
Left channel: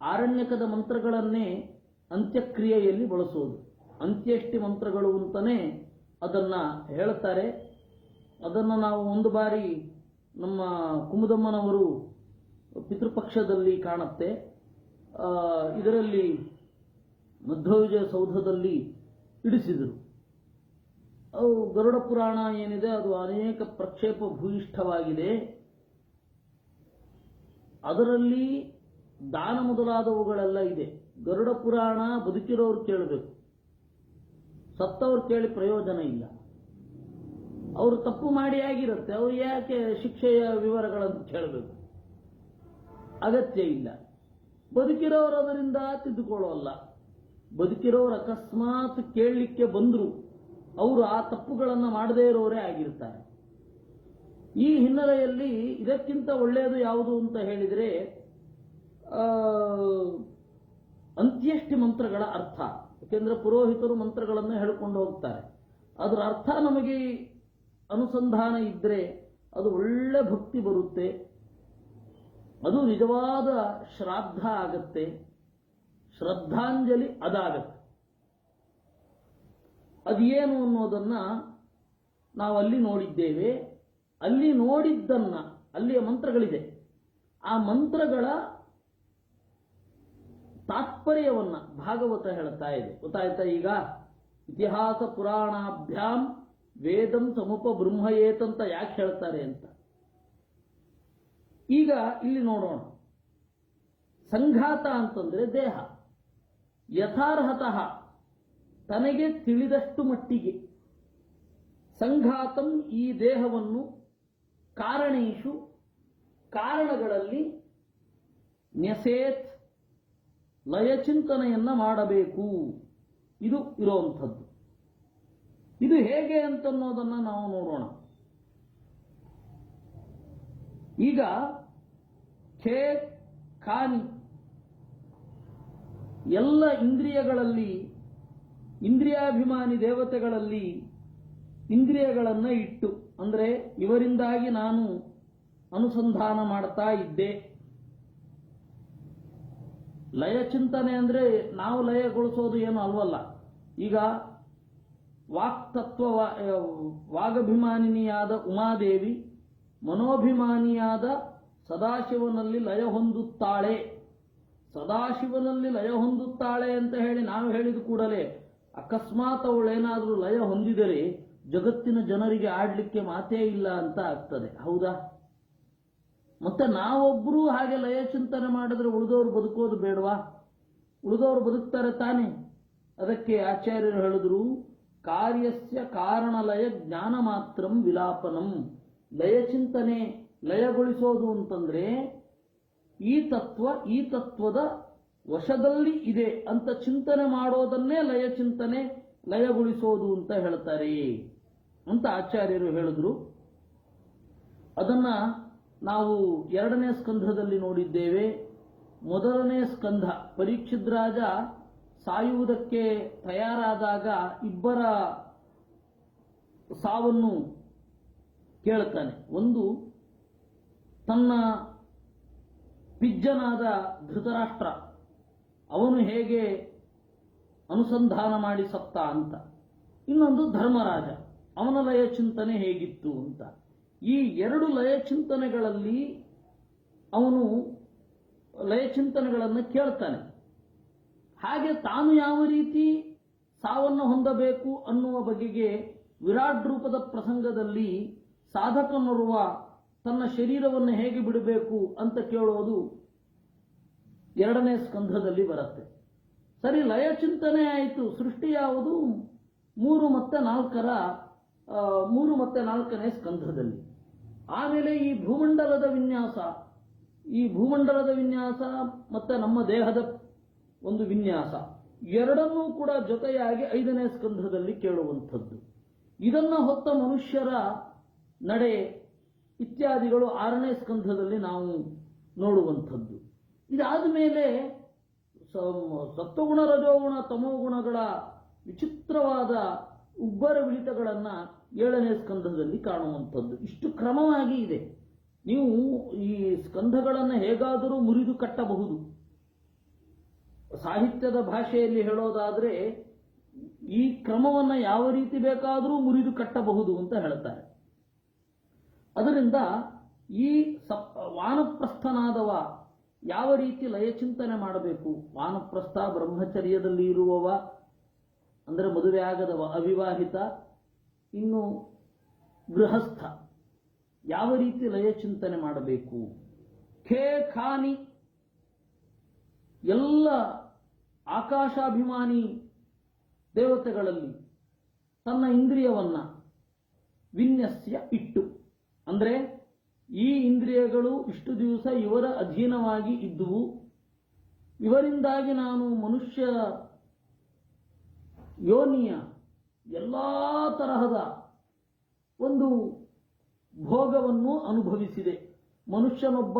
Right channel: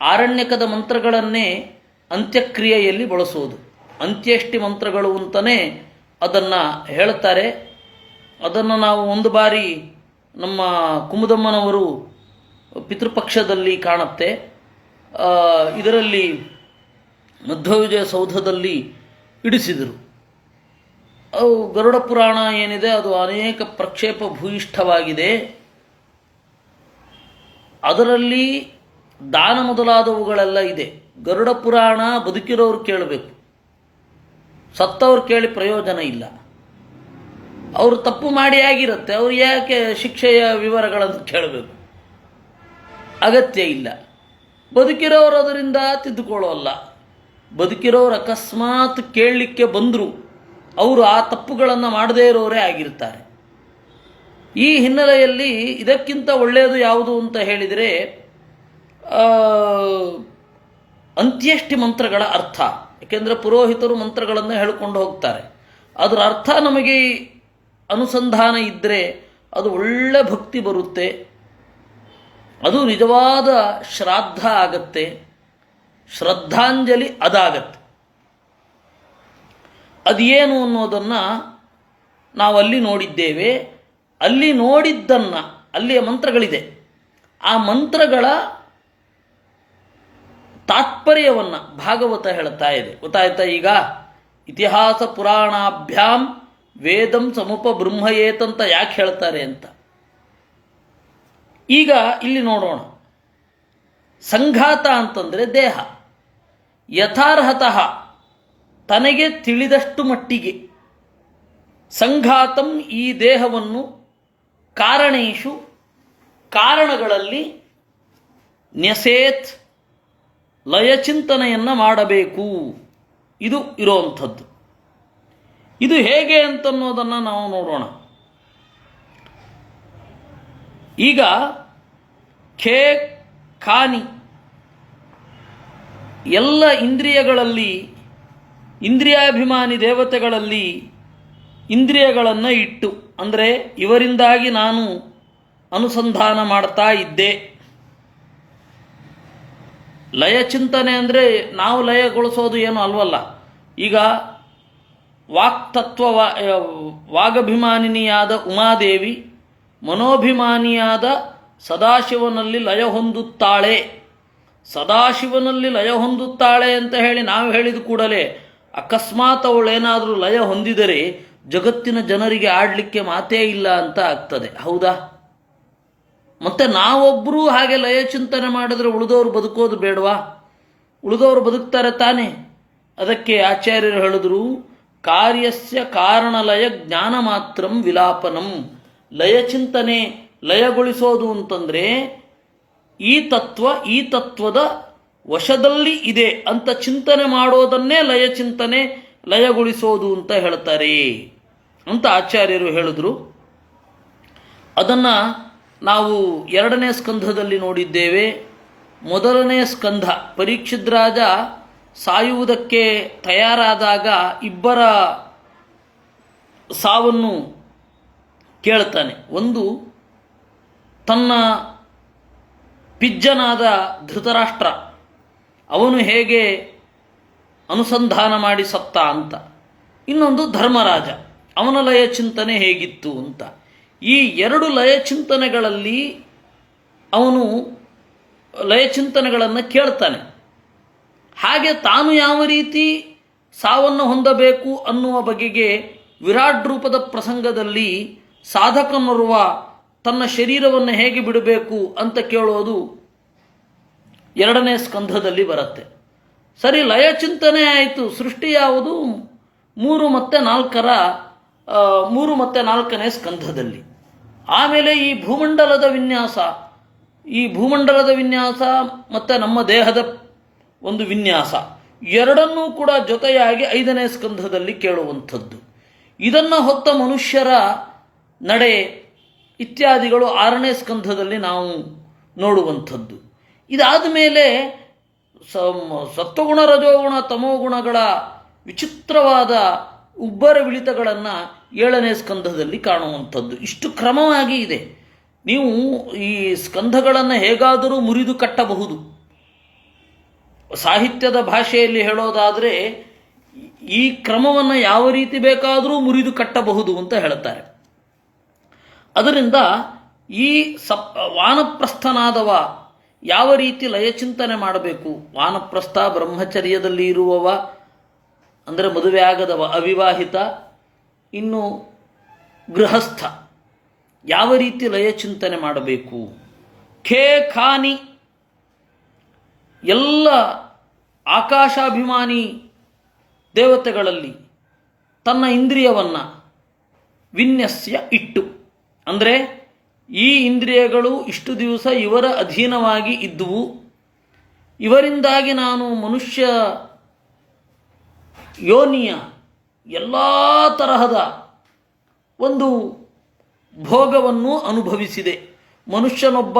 ಆರಣ್ಯಕದ ಮಂತ್ರಗಳನ್ನೇ ಅಂತ್ಯಕ್ರಿಯೆಯಲ್ಲಿ ಬಳಸೋದು. ಅಂತ್ಯಷ್ಟಿ ಮಂತ್ರಗಳು ಅಂತಲೇ ಅದನ್ನು ಹೇಳ್ತಾರೆ. ಅದನ್ನು ನಾವು ಒಂದು ಬಾರಿ ನಮ್ಮ ಕುಮುದಮ್ಮನವರು ಪಿತೃಪಕ್ಷದಲ್ಲಿ ಕಾಣುತ್ತೆ. ಇದರಲ್ಲಿ ಮಧ್ವವಿಜಯ ಸೌಧದಲ್ಲಿ ಇಡಿಸಿದರು. ಅವು ಗರುಡ ಪುರಾಣ ಏನಿದೆ ಅದು ಅನೇಕ ಪ್ರಕ್ಷೇಪ ಭೂಯಿಷ್ಠವಾಗಿದೆ. ಅದರಲ್ಲಿ ದಾನ ಮೊದಲಾದವುಗಳೆಲ್ಲ ಇದೆ. ಗರುಡ ಪುರಾಣ ಬದುಕಿರೋರು ಕೇಳಬೇಕು, ಸತ್ತವ್ರು ಕೇಳಿ ಪ್ರಯೋಜನ ಇಲ್ಲ. ಅವರು ತಪ್ಪು ಮಾಡಿ ಆಗಿರುತ್ತೆ, ಅವ್ರು ಯಾಕೆ ಶಿಕ್ಷೆಯ ವಿವರಗಳನ್ನು ಕೇಳಬೇಕು? ಅಗತ್ಯ ಇಲ್ಲ. ಬದುಕಿರೋರು ಅದರಿಂದ ತಿದ್ದುಕೊಳ್ಳೋಲ್ಲ. ಬದುಕಿರೋರು ಅಕಸ್ಮಾತ್ ಕೇಳಲಿಕ್ಕೆ ಬಂದರು, ಅವರು ಆ ತಪ್ಪುಗಳನ್ನು ಮಾಡದೇ ಇರೋರೇ ಆಗಿರ್ತಾರೆ. ಈ ಹಿನ್ನೆಲೆಯಲ್ಲಿ ಇದಕ್ಕಿಂತ ಒಳ್ಳೆಯದು ಯಾವುದು ಅಂತ ಹೇಳಿದರೆ ಅಂತ್ಯಷ್ಟಿ ಮಂತ್ರಗಳ ಅರ್ಥ. ಏಕೆಂದರೆ ಪುರೋಹಿತರು ಮಂತ್ರಗಳನ್ನು ಹೇಳಿಕೊಂಡು ಹೋಗ್ತಾರೆ. ಅದರ ಅರ್ಥ ನಮಗೆ ಅನುಸಂಧಾನ ಇದ್ದರೆ ಅದು ಒಳ್ಳೆ ಭಕ್ತಿ ಬರುತ್ತೆ. ಅದು ನಿಜವಾದ ಶ್ರಾದ್ದ ಆಗತ್ತೆ, ಶ್ರದ್ಧಾಂಜಲಿ ಅದಾಗತ್ತೆ. ಅದೇನು ಅನ್ನೋದನ್ನು ನಾವಲ್ಲಿ ನೋಡಿದ್ದೇವೆ. ಅಲ್ಲಿ ನೋಡಿದ್ದನ್ನು, ಅಲ್ಲಿಯ ಮಂತ್ರಗಳಿದೆ, ಆ ಮಂತ್ರಗಳ ತಾತ್ಪರ್ಯವನ್ನು ಭಾಗವತ ಹೇಳ್ತಾ ಇದೆ. ಗೊತ್ತಾಯ್ತಾ? ಈಗ ಇತಿಹಾಸ ಪುರಾಣಾಭ್ಯಾಂ ವೇದಂ ಸಮುಪ ಬ್ರಹ್ಮಯೇತಂತ ಯಾಕೆ ಹೇಳ್ತಾರೆ ಅಂತ ಈಗ ಇಲ್ಲಿ ನೋಡೋಣ. ಸಂಘಾತ ಅಂತಂದರೆ ದೇಹ. ಯಥಾರ್ಹತಃ ತನಗೆ ತಿಳಿದಷ್ಟು ಮಟ್ಟಿಗೆ ಸಂಘಾತಂ ಈ ದೇಹವನ್ನು ಕಾರಣೇಶು ಕಾರಣಗಳಲ್ಲಿ ನ್ಯಸೇತ್ ಲಯಚಿಂತನೆಯನ್ನು ಮಾಡಬೇಕು. ಇದು ಇರೋವಂಥದ್ದು. ಇದು ಹೇಗೆ ಅಂತನ್ನೋದನ್ನು ನಾವು ನೋಡೋಣ. ಈಗ ಖೇ ಖಾನಿ ಎಲ್ಲ ಇಂದ್ರಿಯಗಳಲ್ಲಿ, ಇಂದ್ರಿಯಾಭಿಮಾನಿ ದೇವತೆಗಳಲ್ಲಿ ಇಂದ್ರಿಯಗಳನ್ನು ಇಟ್ಟು, ಅಂದರೆ ಇವರಿಂದಾಗಿ ನಾನು ಅನುಸಂಧಾನ ಮಾಡ್ತಾ ಇದ್ದೆ. ಲಯಚಿಂತನೆ ಅಂದರೆ ನಾವು ಲಯಗೊಳಿಸೋದು ಏನು ಅಲ್ವಲ್ಲ. ಈಗ ವಾಕ್ತತ್ವ ವಾಗಭಿಮಾನಿನಿಯಾದ ಉಮಾದೇವಿ ಮನೋಭಿಮಾನಿಯಾದ ಸದಾಶಿವನಲ್ಲಿ ಲಯ ಹೊಂದುತ್ತಾಳೆ. ಸದಾಶಿವನಲ್ಲಿ ಲಯ ಹೊಂದುತ್ತಾಳೆ ಅಂತ ಹೇಳಿ ನಾವು ಹೇಳಿದ ಕೂಡಲೇ ಅಕಸ್ಮಾತ್ ಅವಳೇನಾದರೂ ಲಯ ಹೊಂದಿದರೆ ಜಗತ್ತಿನ ಜನರಿಗೆ ಆಡಲಿಕ್ಕೆ ಮಾತೇ ಇಲ್ಲ ಅಂತ ಆಗ್ತದೆ. ಹೌದಾ? ಮತ್ತು ನಾವೊಬ್ಬರೂ ಹಾಗೆ ಲಯ ಚಿಂತನೆ ಮಾಡಿದ್ರೆ ಉಳಿದವರು ಬದುಕೋದು ಬೇಡವಾ? ಉಳಿದವರು ಬದುಕ್ತಾರೆ ತಾನೇ. ಅದಕ್ಕೆ ಆಚಾರ್ಯರು ಹೇಳಿದ್ರು, ಕಾರ್ಯಸ್ಯ ಕಾರಣಲಯ ಜ್ಞಾನ ಮಾತ್ರಂ ವಿಲಾಪನಂ. ಲಯಚಿಂತನೆ ಲಯಗೊಳಿಸೋದು ಅಂತಂದರೆ ಈ ತತ್ವದ ವಶದಲ್ಲಿ ಇದೆ ಅಂತ ಚಿಂತನೆ ಮಾಡೋದನ್ನೇ ಲಯಚಿಂತನೆ ಲಯಗೊಳಿಸೋದು ಅಂತ ಹೇಳ್ತಾರೆ ಅಂತ ಆಚಾರ್ಯರು ಹೇಳಿದ್ರು. ಅದನ್ನು ನಾವು 2ನೇ ಸ್ಕಂಧದಲ್ಲಿ ನೋಡಿದ್ದೇವೆ. 1ನೇ ಸ್ಕಂಧ ಪರೀಕ್ಷಿತ್ ರಾಜ ಸಾಯುವುದಕ್ಕೆ ತಯಾರಾದಾಗ ಇಬ್ಬರ ಸಾವನ್ನು ಕೇಳ್ತಾನೆ. ಒಂದು ತನ್ನ ಪಿಜ್ಜನಾದ ಧೃತರಾಷ್ಟ್ರ, ಅವನು ಹೇಗೆ ಅನುಸಂಧಾನ ಮಾಡಿ ಸತ್ತ ಅಂತ. ಇನ್ನೊಂದು ಧರ್ಮರಾಜ, ಅವನ ಲಯ ಚಿಂತನೆ ಹೇಗಿತ್ತು ಅಂತ. ಈ 2 ಲಯಚಿಂತನೆಗಳಲ್ಲಿ ಅವನು ಲಯಚಿಂತನೆಗಳನ್ನು ಕೇಳ್ತಾನೆ. ಹಾಗೆ ತಾನು ಯಾವ ರೀತಿ ಸಾವನ್ನು ಹೊಂದಬೇಕು ಅನ್ನುವ ಬಗೆಗೆ ವಿರಾಟ್ ರೂಪದ ಪ್ರಸಂಗದಲ್ಲಿ ಸಾಧಕನೋರ್ವ ತನ್ನ ಶರೀರವನ್ನು ಹೇಗೆ ಬಿಡಬೇಕು ಅಂತ ಕೇಳೋದು 2ನೇ ಸ್ಕಂಧದಲ್ಲಿ ಬರುತ್ತೆ. ಸರಿ, ಲಯಚಿಂತನೆ ಆಯಿತು. ಸೃಷ್ಟಿ ಯಾವುದು? 3 ಮತ್ತು 4ನೇ ಸ್ಕಂಧದಲ್ಲಿ. ಆಮೇಲೆ ಈ ಭೂಮಂಡಲದ ವಿನ್ಯಾಸ ಮತ್ತು ನಮ್ಮ ದೇಹದ ಒಂದು ವಿನ್ಯಾಸ, ಎರಡನ್ನೂ ಕೂಡ ಜೊತೆಯಾಗಿ 5ನೇ ಸ್ಕಂಧದಲ್ಲಿ ಕೇಳುವಂಥದ್ದು. ಇದನ್ನು ಹೊತ್ತ ಮನುಷ್ಯರ ನಡೆ ಇತ್ಯಾದಿಗಳು 6ನೇ ಸ್ಕಂಧದಲ್ಲಿ ನಾವು ನೋಡುವಂಥದ್ದು. ಇದಾದ ಮೇಲೆ ಸತ್ವಗುಣ, ರಜೋಗುಣ, ತಮೋಗುಣಗಳ ವಿಚಿತ್ರವಾದ ಉಬ್ಬರವಿಳಿತಗಳನ್ನು 7ನೇ ಸ್ಕಂಧದಲ್ಲಿ ಕಾಣುವಂಥದ್ದು. ಇಷ್ಟು ಕ್ರಮವಾಗಿ ಇದೆ. ನೀವು ಈ ಸ್ಕಂಧಗಳನ್ನು ಹೇಗಾದರೂ ಮುರಿದು ಕಟ್ಟಬಹುದು. ಸಾಹಿತ್ಯದ ಭಾಷೆಯಲ್ಲಿ ಹೇಳೋದಾದರೆ ಈ ಕ್ರಮವನ್ನು ಯಾವ ರೀತಿ ಬೇಕಾದರೂ ಮುರಿದು ಕಟ್ಟಬಹುದು ಅಂತ ಹೇಳ್ತಾರೆ. ಅದರಿಂದ ಈ ವಾನಪ್ರಸ್ಥನಾದವ ಯಾವ ರೀತಿ ಲಯಚಿಂತನೆ ಮಾಡಬೇಕು, ವಾನಪ್ರಸ್ಥ ಬ್ರಹ್ಮಚರ್ಯದಲ್ಲಿ ಇರುವವ ಅಂದರೆ ಮದುವೆ ಆಗದವ, ಅವಿವಾಹಿತ, ಇನ್ನು ಗೃಹಸ್ಥ ಯಾವ ರೀತಿ ಲಯಚಿಂತನೆ ಮಾಡಬೇಕು. ಖೇ ಖಾನಿ ಎಲ್ಲ ಆಕಾಶಾಭಿಮಾನಿ ದೇವತೆಗಳಲ್ಲಿ ತನ್ನ ಇಂದ್ರಿಯವನ್ನು ವಿನ್ಯಸ್ಯ ಇಟ್ಟು, ಅಂದರೆ ಈ ಇಂದ್ರಿಯಗಳು ಇಷ್ಟು ದಿವಸ ಇವರ ಅಧೀನವಾಗಿ ಇದ್ದುವು, ಇವರಿಂದಾಗಿ ನಾನು ಮನುಷ್ಯ ಯೋನಿಯ ಎಲ್ಲ ತರಹದ ಒಂದು ಭೋಗವನ್ನು ಅನುಭವಿಸಿದೆ. ಮನುಷ್ಯನೊಬ್ಬ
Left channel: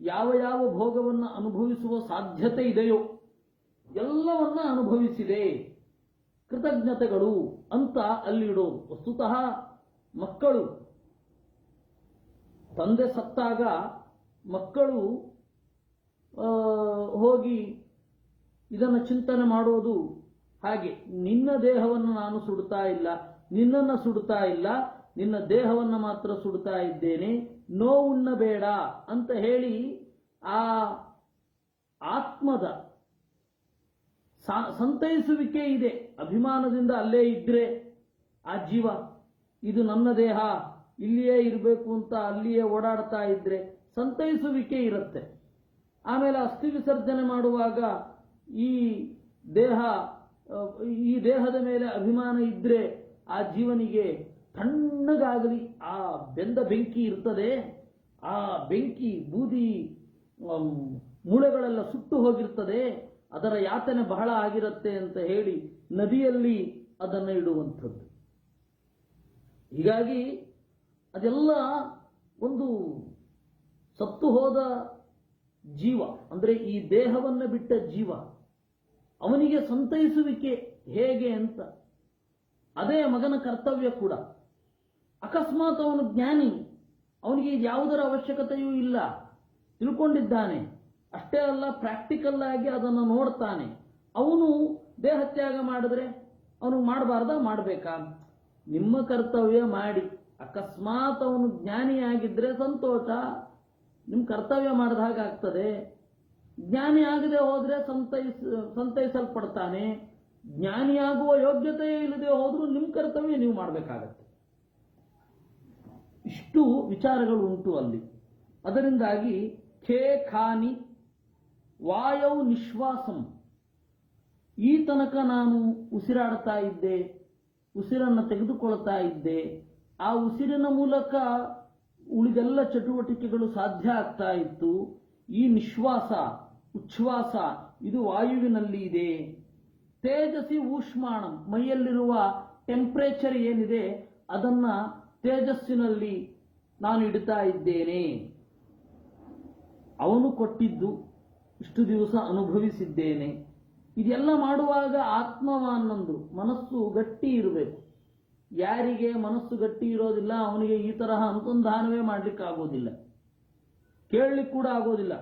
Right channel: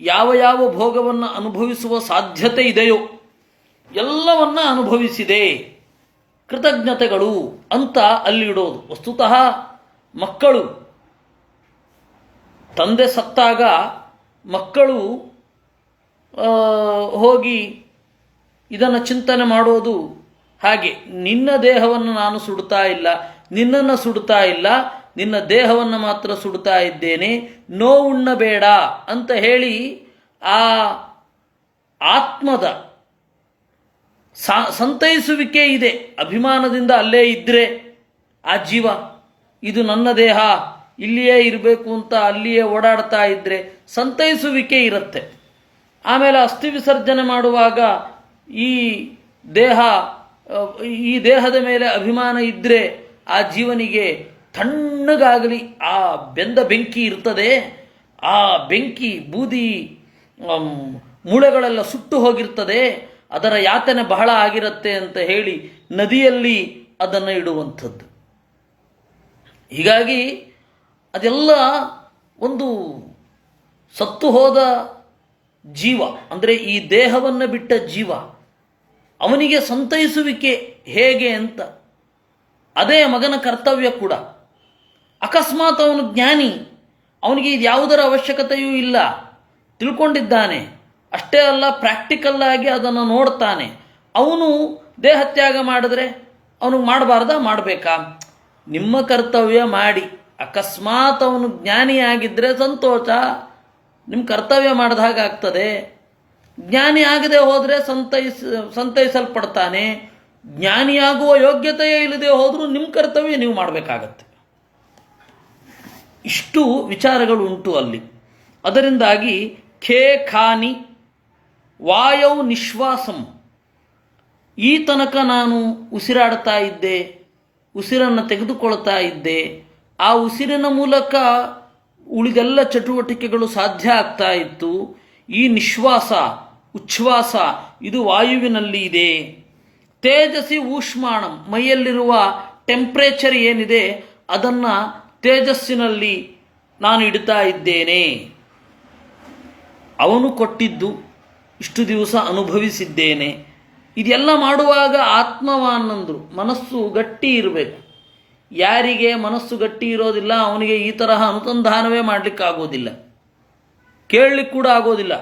ಯಾವ ಭೋಗವನ್ನು ಅನುಭವಿಸುವ ಸಾಧ್ಯತೆ ಇದೆಯೋ ಎಲ್ಲವನ್ನ ಅನುಭವಿಸಿದೆ, ಕೃತಜ್ಞತೆಗಳು ಅಂತ ಅಲ್ಲಿಡೋದು. ವಸ್ತುತಃ ಮಕ್ಕಳು ತಂದೆ ಸತ್ತಾಗ ಮಕ್ಕಳು ಹೋಗಿ ಇದನ್ನು ಚಿಂತನೆ ಮಾಡೋದು ಹಾಗೆ, ನಿನ್ನ ದೇಹವನ್ನು ನಾನು ಸುಡ್ತಾ ಇಲ್ಲ, ನಿನ್ನನ್ನು ಸುಡ್ತಾ ಇಲ್ಲ, ನಿನ್ನ ದೇಹವನ್ನು ಮಾತ್ರ ಸುಡ್ತಾ ಇದ್ದೇನೆ, ನೋವುಣ್ಣಬೇಡ ಅಂತ ಹೇಳಿ ಆ ಆತ್ಮದ ಸಂತೈಸುವಿಕೆ ಇದೆ. ಅಭಿಮಾನದಿಂದ ಅಲ್ಲೇ ಇದ್ದರೆ ಆ ಜೀವ ಇದು ನನ್ನ ದೇಹ, ಇಲ್ಲಿಯೇ ಇರಬೇಕು ಅಂತ ಅಲ್ಲಿಯೇ ಓಡಾಡ್ತಾ ಇದ್ದರೆ ಸಂತೈಸುವಿಕೆ ಇರುತ್ತೆ. ಆಮೇಲೆ ಅಸ್ಥಿ ವಿಸರ್ಜನೆ ಮಾಡುವಾಗ ಈ ದೇಹ ಈ ದೇಹದ ಮೇಲೆ ಅಭಿಮಾನ ಇದ್ದರೆ ಆ ಜೀವನಿಗೆ ತಣ್ಣಗಾಗಲಿ ಆ ಬೆಂದ ಬೆಂಕಿ ಇರ್ತದೆ, ಆ ಬೆಂಕಿ ಬೂದಿ ಮೂಳೆಗಳೆಲ್ಲ ಸುಟ್ಟು ಹೋಗಿರ್ತದೆ, ಅದರ ಯಾತನೆ ಬಹಳ ಆಗಿರುತ್ತೆ ಅಂತ ಹೇಳಿ ನದಿಯಲ್ಲಿ ಅದನ್ನು ಇಡುವಂಥದ್ದು. ಹೀಗಾಗಿ ಅದೆಲ್ಲ ಒಂದು ಸತ್ತು ಹೋದ ಜೀವ, ಅಂದರೆ ಈ ದೇಹವನ್ನು ಬಿಟ್ಟ ಜೀವ, ಅವನಿಗೆ ಸಂತೈಸುವಿಕೆ ಹೇಗೆ ಅಂತ ಅದೇ ಮಗನ ಕರ್ತವ್ಯ ಕೂಡ. ಅಕಸ್ಮಾತ್ ಅವನು ಜ್ಞಾನಿ, ಅವನಿಗೆ ಇದು ಯಾವುದರ ಅವಶ್ಯಕತೆಯೂ ಇಲ್ಲ, ತಿಳ್ಕೊಂಡಿದ್ದಾನೆ, ಅಷ್ಟೇ ಅಲ್ಲ ಪ್ರಾಕ್ಟಿಕಲ್ ಆಗಿ ಅದನ್ನು ನೋಡ್ತಾನೆ. ಅವನು ದೇಹತ್ಯಾಗ ಮಾಡಿದ್ರೆ ಅವನಿಗೆ ಮಾಡಬಾರ್ದಾ, ಮಾಡಬೇಕಾ? ನಿಮ್ಮ ಕರ್ತವ್ಯ ಮಾಡಿ. ಅಕಸ್ಮಾತ್ ಅವನು ಜ್ಞಾನಿಯಾಗಿದ್ದರೆ ಸಂತೋಷ, ನಿಮ್ಮ ಕರ್ತವ್ಯ ಮಾಡಿದ ಹಾಗಾಗ್ತದೆ. ಜ್ಞಾನಿ ಆಗದೆ ಹೋದರೆ ಸಂತೈಸಲ್ಪಡ್ತಾನೆ. ಜ್ಞಾನಿಯಾಗುವ ಯೋಗ್ಯತೆಯೇ ಇಲ್ಲದೆ ಹೋದರೂ ನಿಮ್ಮ ಕರ್ತವ್ಯ ನೀವು ಮಾಡಬೇಕಾಗತ್ತೆ. ಇಷ್ಟು ವಿಚಾರಗಳು ಉಂಟು ಅಲ್ಲಿ. ಅದರಿಂದಾಗಿ ಖೇ ಖಾನಿ ವಾಯೌ ನಿಶ್ವಾಸಂ, ಈ ತನಕ ನಾನು ಉಸಿರಾಡ್ತಾ ಇದ್ದೆ, ಉಸಿರನ್ನು ತೆಗೆದುಕೊಳ್ತಾ ಇದ್ದೆ, ಆ ಉಸಿರಿನ ಮೂಲಕ ಉಳಿದೆಲ್ಲ ಚಟುವಟಿಕೆಗಳು ಸಾಧ್ಯ ಆಗ್ತಾ ಇತ್ತು. ಈ ನಿಶ್ವಾಸ ಉಚ್ಛ್ವಾಸ ಇದು ವಾಯುವಿನಲ್ಲಿ ಇದೆ. ತೇಜಸ್ಸಿ ಊಷ್ಮಾಣಂ, ಮೈಯಲ್ಲಿರುವ ಟೆಂಪ್ರೇಚರ್ ಏನಿದೆ ಅದನ್ನು ತೇಜಸ್ಸಿನಲ್ಲಿ ನಾನು ಇಡ್ತಾ ಇದ್ದೇನೆ. ಅವನು ಕೊಟ್ಟಿದ್ದು ಇಷ್ಟು ದಿವಸ ಅನುಭವಿಸಿದ್ದೇನೆ. ಇದೆಲ್ಲ ಮಾಡುವಾಗ ಆತ್ಮವಾನಂದರು, ಮನಸ್ಸು ಗಟ್ಟಿ ಇರಬೇಕು. ಯಾರಿಗೆ ಮನಸ್ಸು ಗಟ್ಟಿ ಇರೋದಿಲ್ಲ ಅವನಿಗೆ ಈ ತರಹ ಅನುಸಂಧಾನವೇ ಮಾಡಲಿಕ್ಕಾಗೋದಿಲ್ಲ, ಕೇಳಲಿಕ್ಕೆ ಕೂಡ ಆಗೋದಿಲ್ಲ.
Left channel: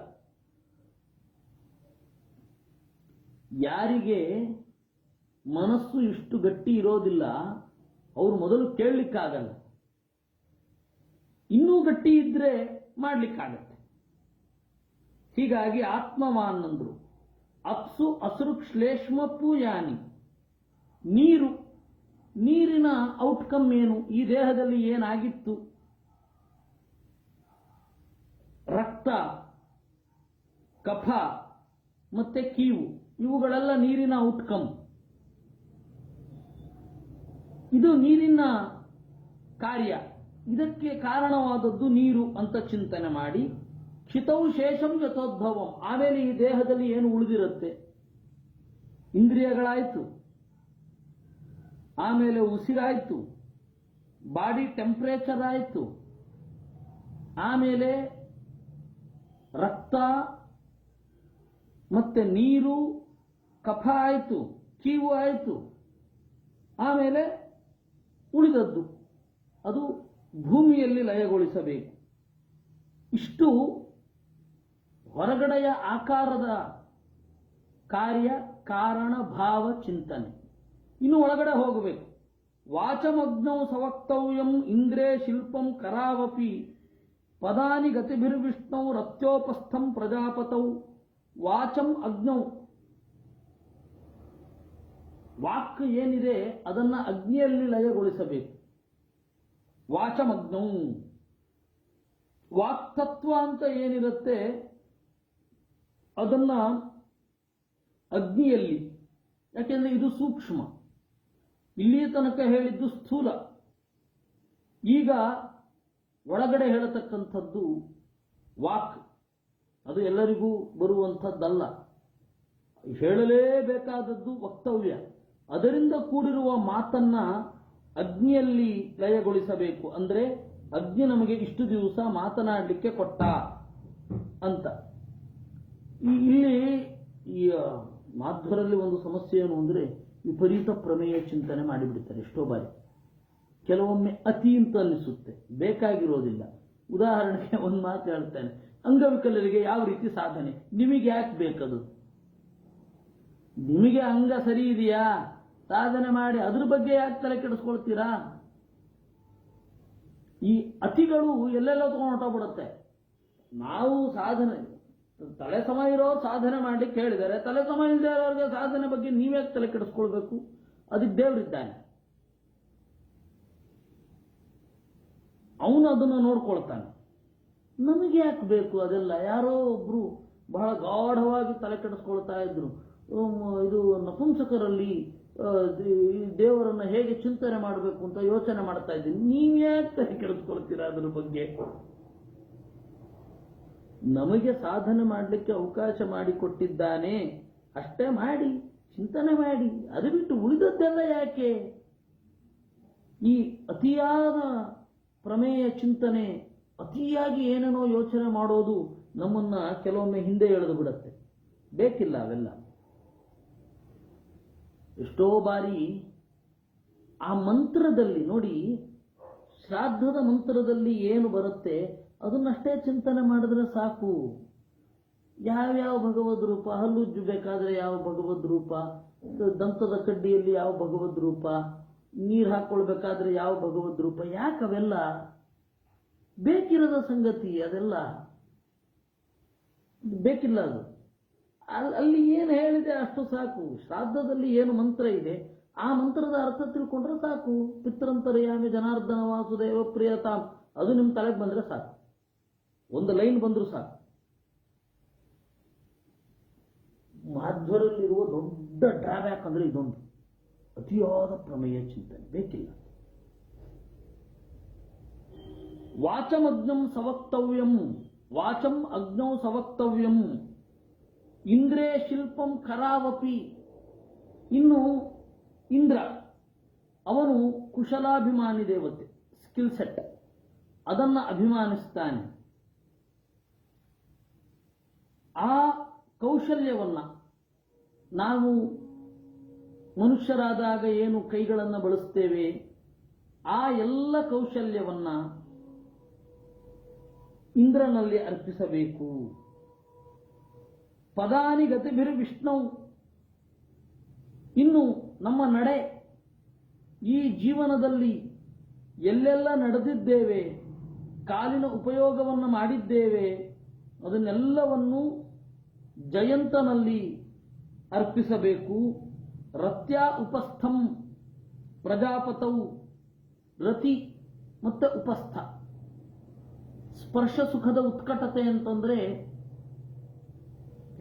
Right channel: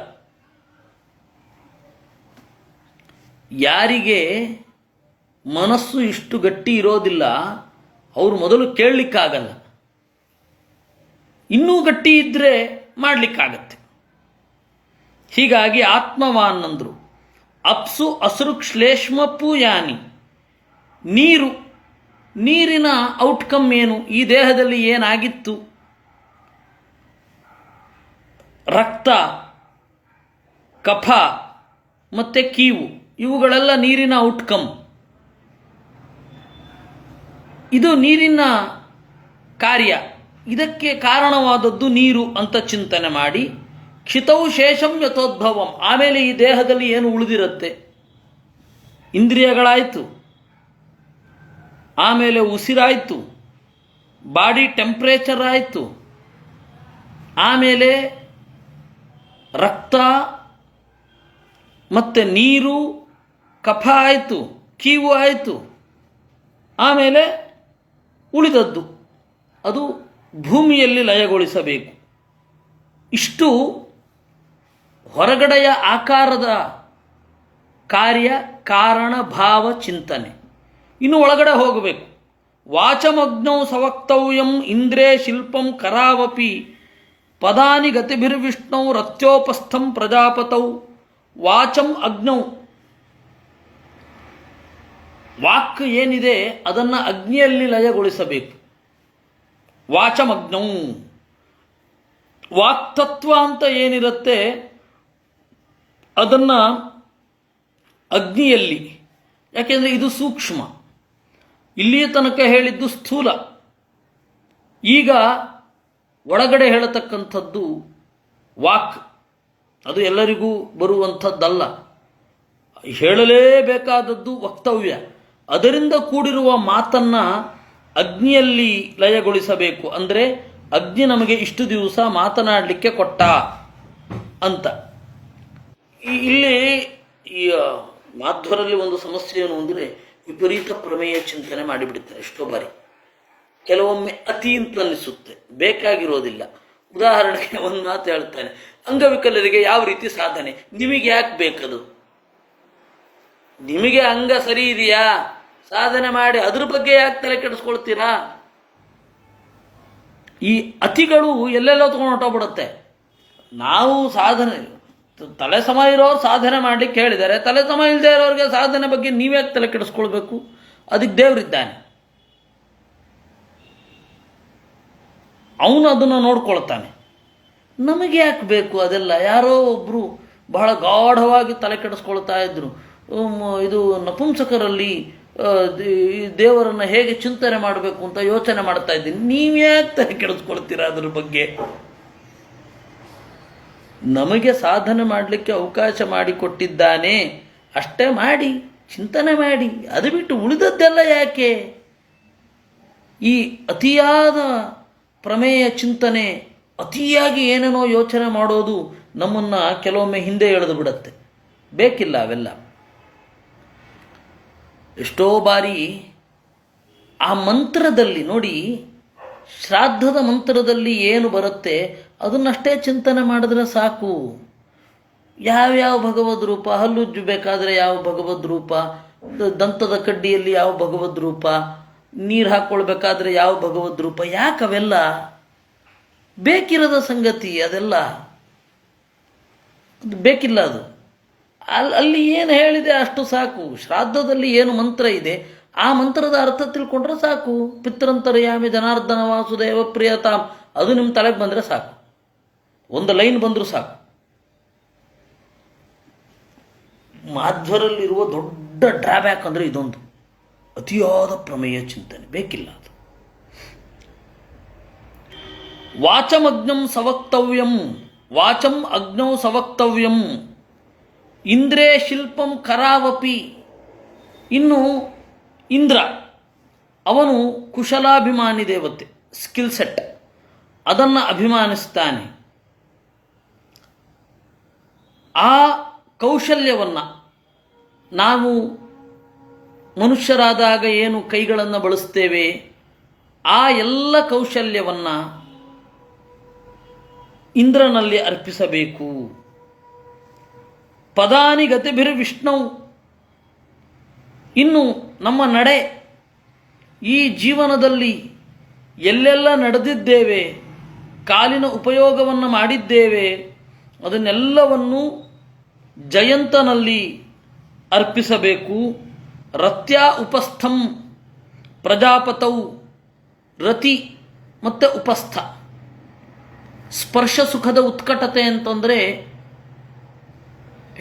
ಯಾರಿಗೆ ಮನಸ್ಸು ಇಷ್ಟು ಗಟ್ಟಿ ಇರೋದಿಲ್ಲ ಅವರು ಮೊದಲು ಕೇಳಲಿಕ್ಕಾಗಲ್ಲ, ಇನ್ನೂ ಗಟ್ಟಿ ಇದ್ದರೆ ಮಾಡಲಿಕ್ಕಾಗತ್ತೆ. ಹೀಗಾಗಿ ಆತ್ಮವಾನಂದರು. ಅಪ್ಸು ಅಸೃಕ್ ಶ್ಲೇಷ್ಮಪ್ಪು ಯಾನಿ, ನೀರಿನ ಔಟ್ಕಮ್ ಏನು, ಈ ದೇಹದಲ್ಲಿ ಏನಾಗಿತ್ತು, ರಕ್ತ, ಕಫ ಮತ್ತು ಕೀವು, ಇವುಗಳೆಲ್ಲ ನೀರಿನ ಔಟ್ಕಮ್. ಇದು ನೀರಿನ ಕಾರ್ಯ, ಇದಕ್ಕೆ ಕಾರಣವಾದದ್ದು ನೀರು ಅಂತ ಚಿಂತನೆ ಮಾಡಿ ಕ್ಷಿತೌ ಶೇಷಂ ಯಥೋದ್ಭವಂ, ಆಮೇಲೆ ಈ ದೇಹದಲ್ಲಿ ಏನು ಉಳಿದಿರುತ್ತೆ, ಇಂದ್ರಿಯಗಳಾಯಿತು, ಆಮೇಲೆ ಉಸಿರಾಯಿತು, ಬಾಡಿ ಟೆಂಪ್ರೇಚರ್ ಆಯಿತು, ಆಮೇಲೆ ರಕ್ತ ಮತ್ತು ನೀರು, ಕಫ ಆಯಿತು, ಕೀವು ಆಯಿತು, ಆಮೇಲೆ ಉಳಿದದ್ದು ಅದು ಭೂಮಿಯಲ್ಲಿ ಲಯಗೊಳಿಸಬೇಕು. ಇಷ್ಟು ಹೊರಗಡೆಯ ಆಕಾರದ ಕಾರ್ಯ, ಕಾರಣ, ಭಾವ, ಚಿಂತನೆ. ಇನ್ನು ಒಳಗಡೆ ಹೋಗಬೇಕು. ವಾಚಮಗ್ನೌ ಸವಕ್ತವ್ಯಂ ಇಂದ್ರೇ ಶಿಲ್ಪಂ ಕರಾವಪಿ ಪದಾನಿ ಗತಿಭಿರ್ವಿಷ್ಣು ರತ್ಯೋಪಸ್ಥಂ ಪ್ರಜಾಪತೌ. ವಾಚಂ ಅಗ್ನೌ, ವಾಕ್ ಏನಿದೆ ಅದನ್ನು ಅಗ್ನಿಯಲ್ಲಿ ಲಯಗೊಳಿಸಬೇಕು. ವಾಚಮಗ್ನೌ, ವಾಕ್ತತ್ವ ಅಂತ ಏನಿರುತ್ತೆ ಅದನ್ನು ಅಗ್ನಿಯಲ್ಲಿ, ಯಾಕೆಂದರೆ ಇದು ಸೂಕ್ಷ್ಮ, ಇಲ್ಲಿಯ ತನಕ ಹೇಳಿದ್ದು ಸ್ಥೂಲ. ಈಗ ಒಳಗಡೆ ಹೇಳತಕ್ಕಂಥದ್ದು ವಾಕ್, ಅದು ಎಲ್ಲರಿಗೂ ಬರುವಂಥದ್ದಲ್ಲ, ಹೇಳಲೇಬೇಕಾದದ್ದು ವಕ್ತವ್ಯ. ಅದರಿಂದ ಕೂಡಿರುವ ಮಾತನ್ನು ಅಗ್ನಿಯಲ್ಲಿ ಲಯಗೊಳಿಸಬೇಕು. ಅಂದರೆ ಅಗ್ನಿ ನಮಗೆ ಇಷ್ಟು ದಿವಸ ಮಾತನಾಡಲಿಕ್ಕೆ ಕೊಟ್ಟ ಅಂತ. ಇಲ್ಲಿ ಈ ಮಾಧ್ವರಲ್ಲಿ ಒಂದು ಸಮಸ್ಯೆ ಏನು ಅಂದರೆ ವಿಪರೀತ ಪ್ರಮೇಯ ಚಿಂತನೆ ಮಾಡಿಬಿಡ್ತಾರೆ ಎಷ್ಟೋ ಬಾರಿ. ಕೆಲವೊಮ್ಮೆ ಅತಿ ಅಂತ ಅನ್ನಿಸುತ್ತೆ, ಬೇಕಾಗಿರೋದಿಲ್ಲ. ಉದಾಹರಣೆಗೆ ಒಂದು ಮಾತು ಹೇಳ್ತಾನೆ, ಅಂಗವಿಕಲರಿಗೆ ಯಾವ ರೀತಿ ಸಾಧನೆ, ನಿಮಗೆ ಯಾಕೆ ಬೇಕದು? ನಿಮಗೆ ಅಂಗ ಸರಿ ಇದೆಯಾ, ಸಾಧನೆ ಮಾಡಿ ಅದ್ರ ಬಗ್ಗೆ ಯಾಕೆ ತಲೆ ಕೆಡಿಸ್ಕೊಳ್ತೀರಾ? ಈ ಅತಿಗಳು ಎಲ್ಲೆಲ್ಲೋ ತೊಗೊಂಡು ಹೊಟ್ಟೋಗ್ಬಿಡುತ್ತೆ. ನಾವು ಸಾಧನೆ, ತಲೆ ಸಮ ಇರೋರು ಸಾಧನೆ ಮಾಡಲಿಕ್ಕೆ ಹೇಳಿದ್ದಾರೆ, ತಲೆ ಸಮ ಇಲ್ಲದೆ ಇರೋರಿಗೆ ಸಾಧನೆ ಬಗ್ಗೆ ನೀವ್ಯಾಕೆ ತಲೆ ಕೆಡಿಸ್ಕೊಳ್ಬೇಕು? ಅದಕ್ಕೆ ದೇವರಿದ್ದಾನೆ, ಅವನು ಅದನ್ನು ನೋಡ್ಕೊಳ್ತಾನೆ. ನಮಗೆ ಯಾಕೆ ಬೇಕು ಅದೆಲ್ಲ? ಯಾರೋ ಒಬ್ಬರು ಬಹಳ ಗಾಢವಾಗಿ ತಲೆ ಕೆಡಿಸ್ಕೊಳ್ತಾ ಇದ್ರು, ಇದು ನಪುಂಸಕರಲ್ಲಿ ಈ ದೇವರನ್ನು ಹೇಗೆ ಚಿಂತನೆ ಮಾಡಬೇಕು ಅಂತ ಯೋಚನೆ ಮಾಡ್ತಾ ಇದ್ದೀನಿ. ನೀವ್ಯಾಕೆ ತಲೆ ಕೆಡಿಸ್ಕೊಳ್ತೀರಾ ಅದ್ರ ಬಗ್ಗೆ? ನಮಗೆ ಸಾಧನೆ ಮಾಡಲಿಕ್ಕೆ ಅವಕಾಶ ಮಾಡಿಕೊಟ್ಟಿದ್ದಾನೆ, ಅಷ್ಟೇ ಮಾಡಿ, ಚಿಂತನೆ ಮಾಡಿ. ಅದು ಬಿಟ್ಟು ಉಳಿದದ್ದೆಲ್ಲ ಯಾಕೆ? ಈ ಅತಿಯಾದ ಪ್ರಮೇಯ ಚಿಂತನೆ, ಅತಿಯಾಗಿ ಏನೇನೋ ಯೋಚನೆ ಮಾಡೋದು ನಮ್ಮನ್ನು ಕೆಲವೊಮ್ಮೆ ಹಿಂದೆ ಎಳೆದು ಬಿಡುತ್ತೆ. ಬೇಕಿಲ್ಲ ಅವೆಲ್ಲ. ಎಷ್ಟೋ ಬಾರಿ ಆ ಮಂತ್ರದಲ್ಲಿ ನೋಡಿ, ಶ್ರಾದ್ದದ ಮಂತ್ರದಲ್ಲಿ ಏನು ಬರುತ್ತೆ ಅದನ್ನಷ್ಟೇ ಚಿಂತನೆ ಮಾಡಿದ್ರೆ ಸಾಕು. ಯಾವ್ಯಾವ ಭಗವದ್ ರೂಪ, ಹಲ್ಲುಜ್ಜು ಬೇಕಾದರೆ ಯಾವ ಭಗವದ್ ರೂಪ, ದಂತದ ಕಡ್ಡಿಯಲ್ಲಿ ಯಾವ ಭಗವದ್ ರೂಪ, ನೀರು ಹಾಕ್ಕೊಳ್ಬೇಕಾದ್ರೆ ಯಾವ ಭಗವದ್ ರೂಪ, ಯಾಕವೆಲ್ಲ? ಬೇಕಿರದ ಸಂಗತಿ ಅದೆಲ್ಲ, ಬೇಕಿಲ್ಲ ಅದು. ಅಲ್ಲಿ ಏನು ಹೇಳಿದೆ ಅಷ್ಟು ಸಾಕು. ಶ್ರಾದ್ದದಲ್ಲಿ ಏನು ಮಂತ್ರ ಇದೆ ಆ ಮಂತ್ರದ ಅರ್ಥ ತಿಳ್ಕೊಂಡ್ರೆ ಸಾಕು. ಪಿತೃಂತರ್ಯಾಮಿ ಜನಾರ್ದನ ವಾಸುದೇವ ಪ್ರಿಯತಾಮ್, ಅದು ನಿಮ್ಮ ತಲೆಗೆ ಬಂದರೆ ಸಾಕು, ಒಂದು ಲೈನ್ ಬಂದರೂ ಸಾಕು. ಮಾಧ್ವರಲ್ಲಿರುವ ದೊಡ್ಡ ಡ್ರಾಬ್ಯಾಕ್ ಅಂದರೆ ಇದೊಂದು, ಅತಿಯಾದ ಪ್ರಮೇಯ ಚಿಂತನೆ, ಬೇಕಿಲ್ಲ ಅದು. ವಾಚಮಗ್ನಂ ಸವಕ್ತವ್ಯಂ, ವಾಚಂ ಅಗ್ನೌ ಸವಕ್ತವ್ಯಂ, ಇಂದ್ರೇ ಶಿಲ್ಪಂ ಕರಾವಪಿ. ಇನ್ನು ಇಂದ್ರ ಅವನು ಕುಶಲಾಭಿಮಾನಿ ದೇವತೆ, ಸ್ಕಿಲ್ ಸೆಟ್, ಅದನ್ನು ಅಭಿಮಾನಿಸ್ತಾನೆ. ಆ ಕೌಶಲ್ಯವನ್ನು ನಾವು ಮನುಷ್ಯರಾದಾಗ ಏನು ಕೈಗಳನ್ನು ಬಳಸ್ತೇವೆ ಆ ಎಲ್ಲ ಕೌಶಲ್ಯವನ್ನು ಇಂದ್ರನಲ್ಲಿ ಅರ್ಪಿಸಬೇಕು. ಪದಾನಿ ಗತಿಭಿರ್ವಿಷ್ಣು, ಇನ್ನು ನಮ್ಮ ನಡೆ, ಈ ಜೀವನದಲ್ಲಿ ಎಲ್ಲೆಲ್ಲ ನಡೆದಿದ್ದೇವೆ, ಕಾಲಿನ ಉಪಯೋಗವನ್ನು ಮಾಡಿದ್ದೇವೆ, ಅದನ್ನೆಲ್ಲವನ್ನು ಜಯಂತನಲ್ಲಿ ಅರ್ಪಿಸಬೇಕು. ರತ್ಯಾ ಉಪಸ್ಥಂ ಪ್ರಜಾಪತೌ, ರತಿ ಮತ್ತು ಉಪಸ್ಥ. ಸ್ಪರ್ಶ ಸುಖದ ಉತ್ಕಟತೆ ಅಂತಂದರೆ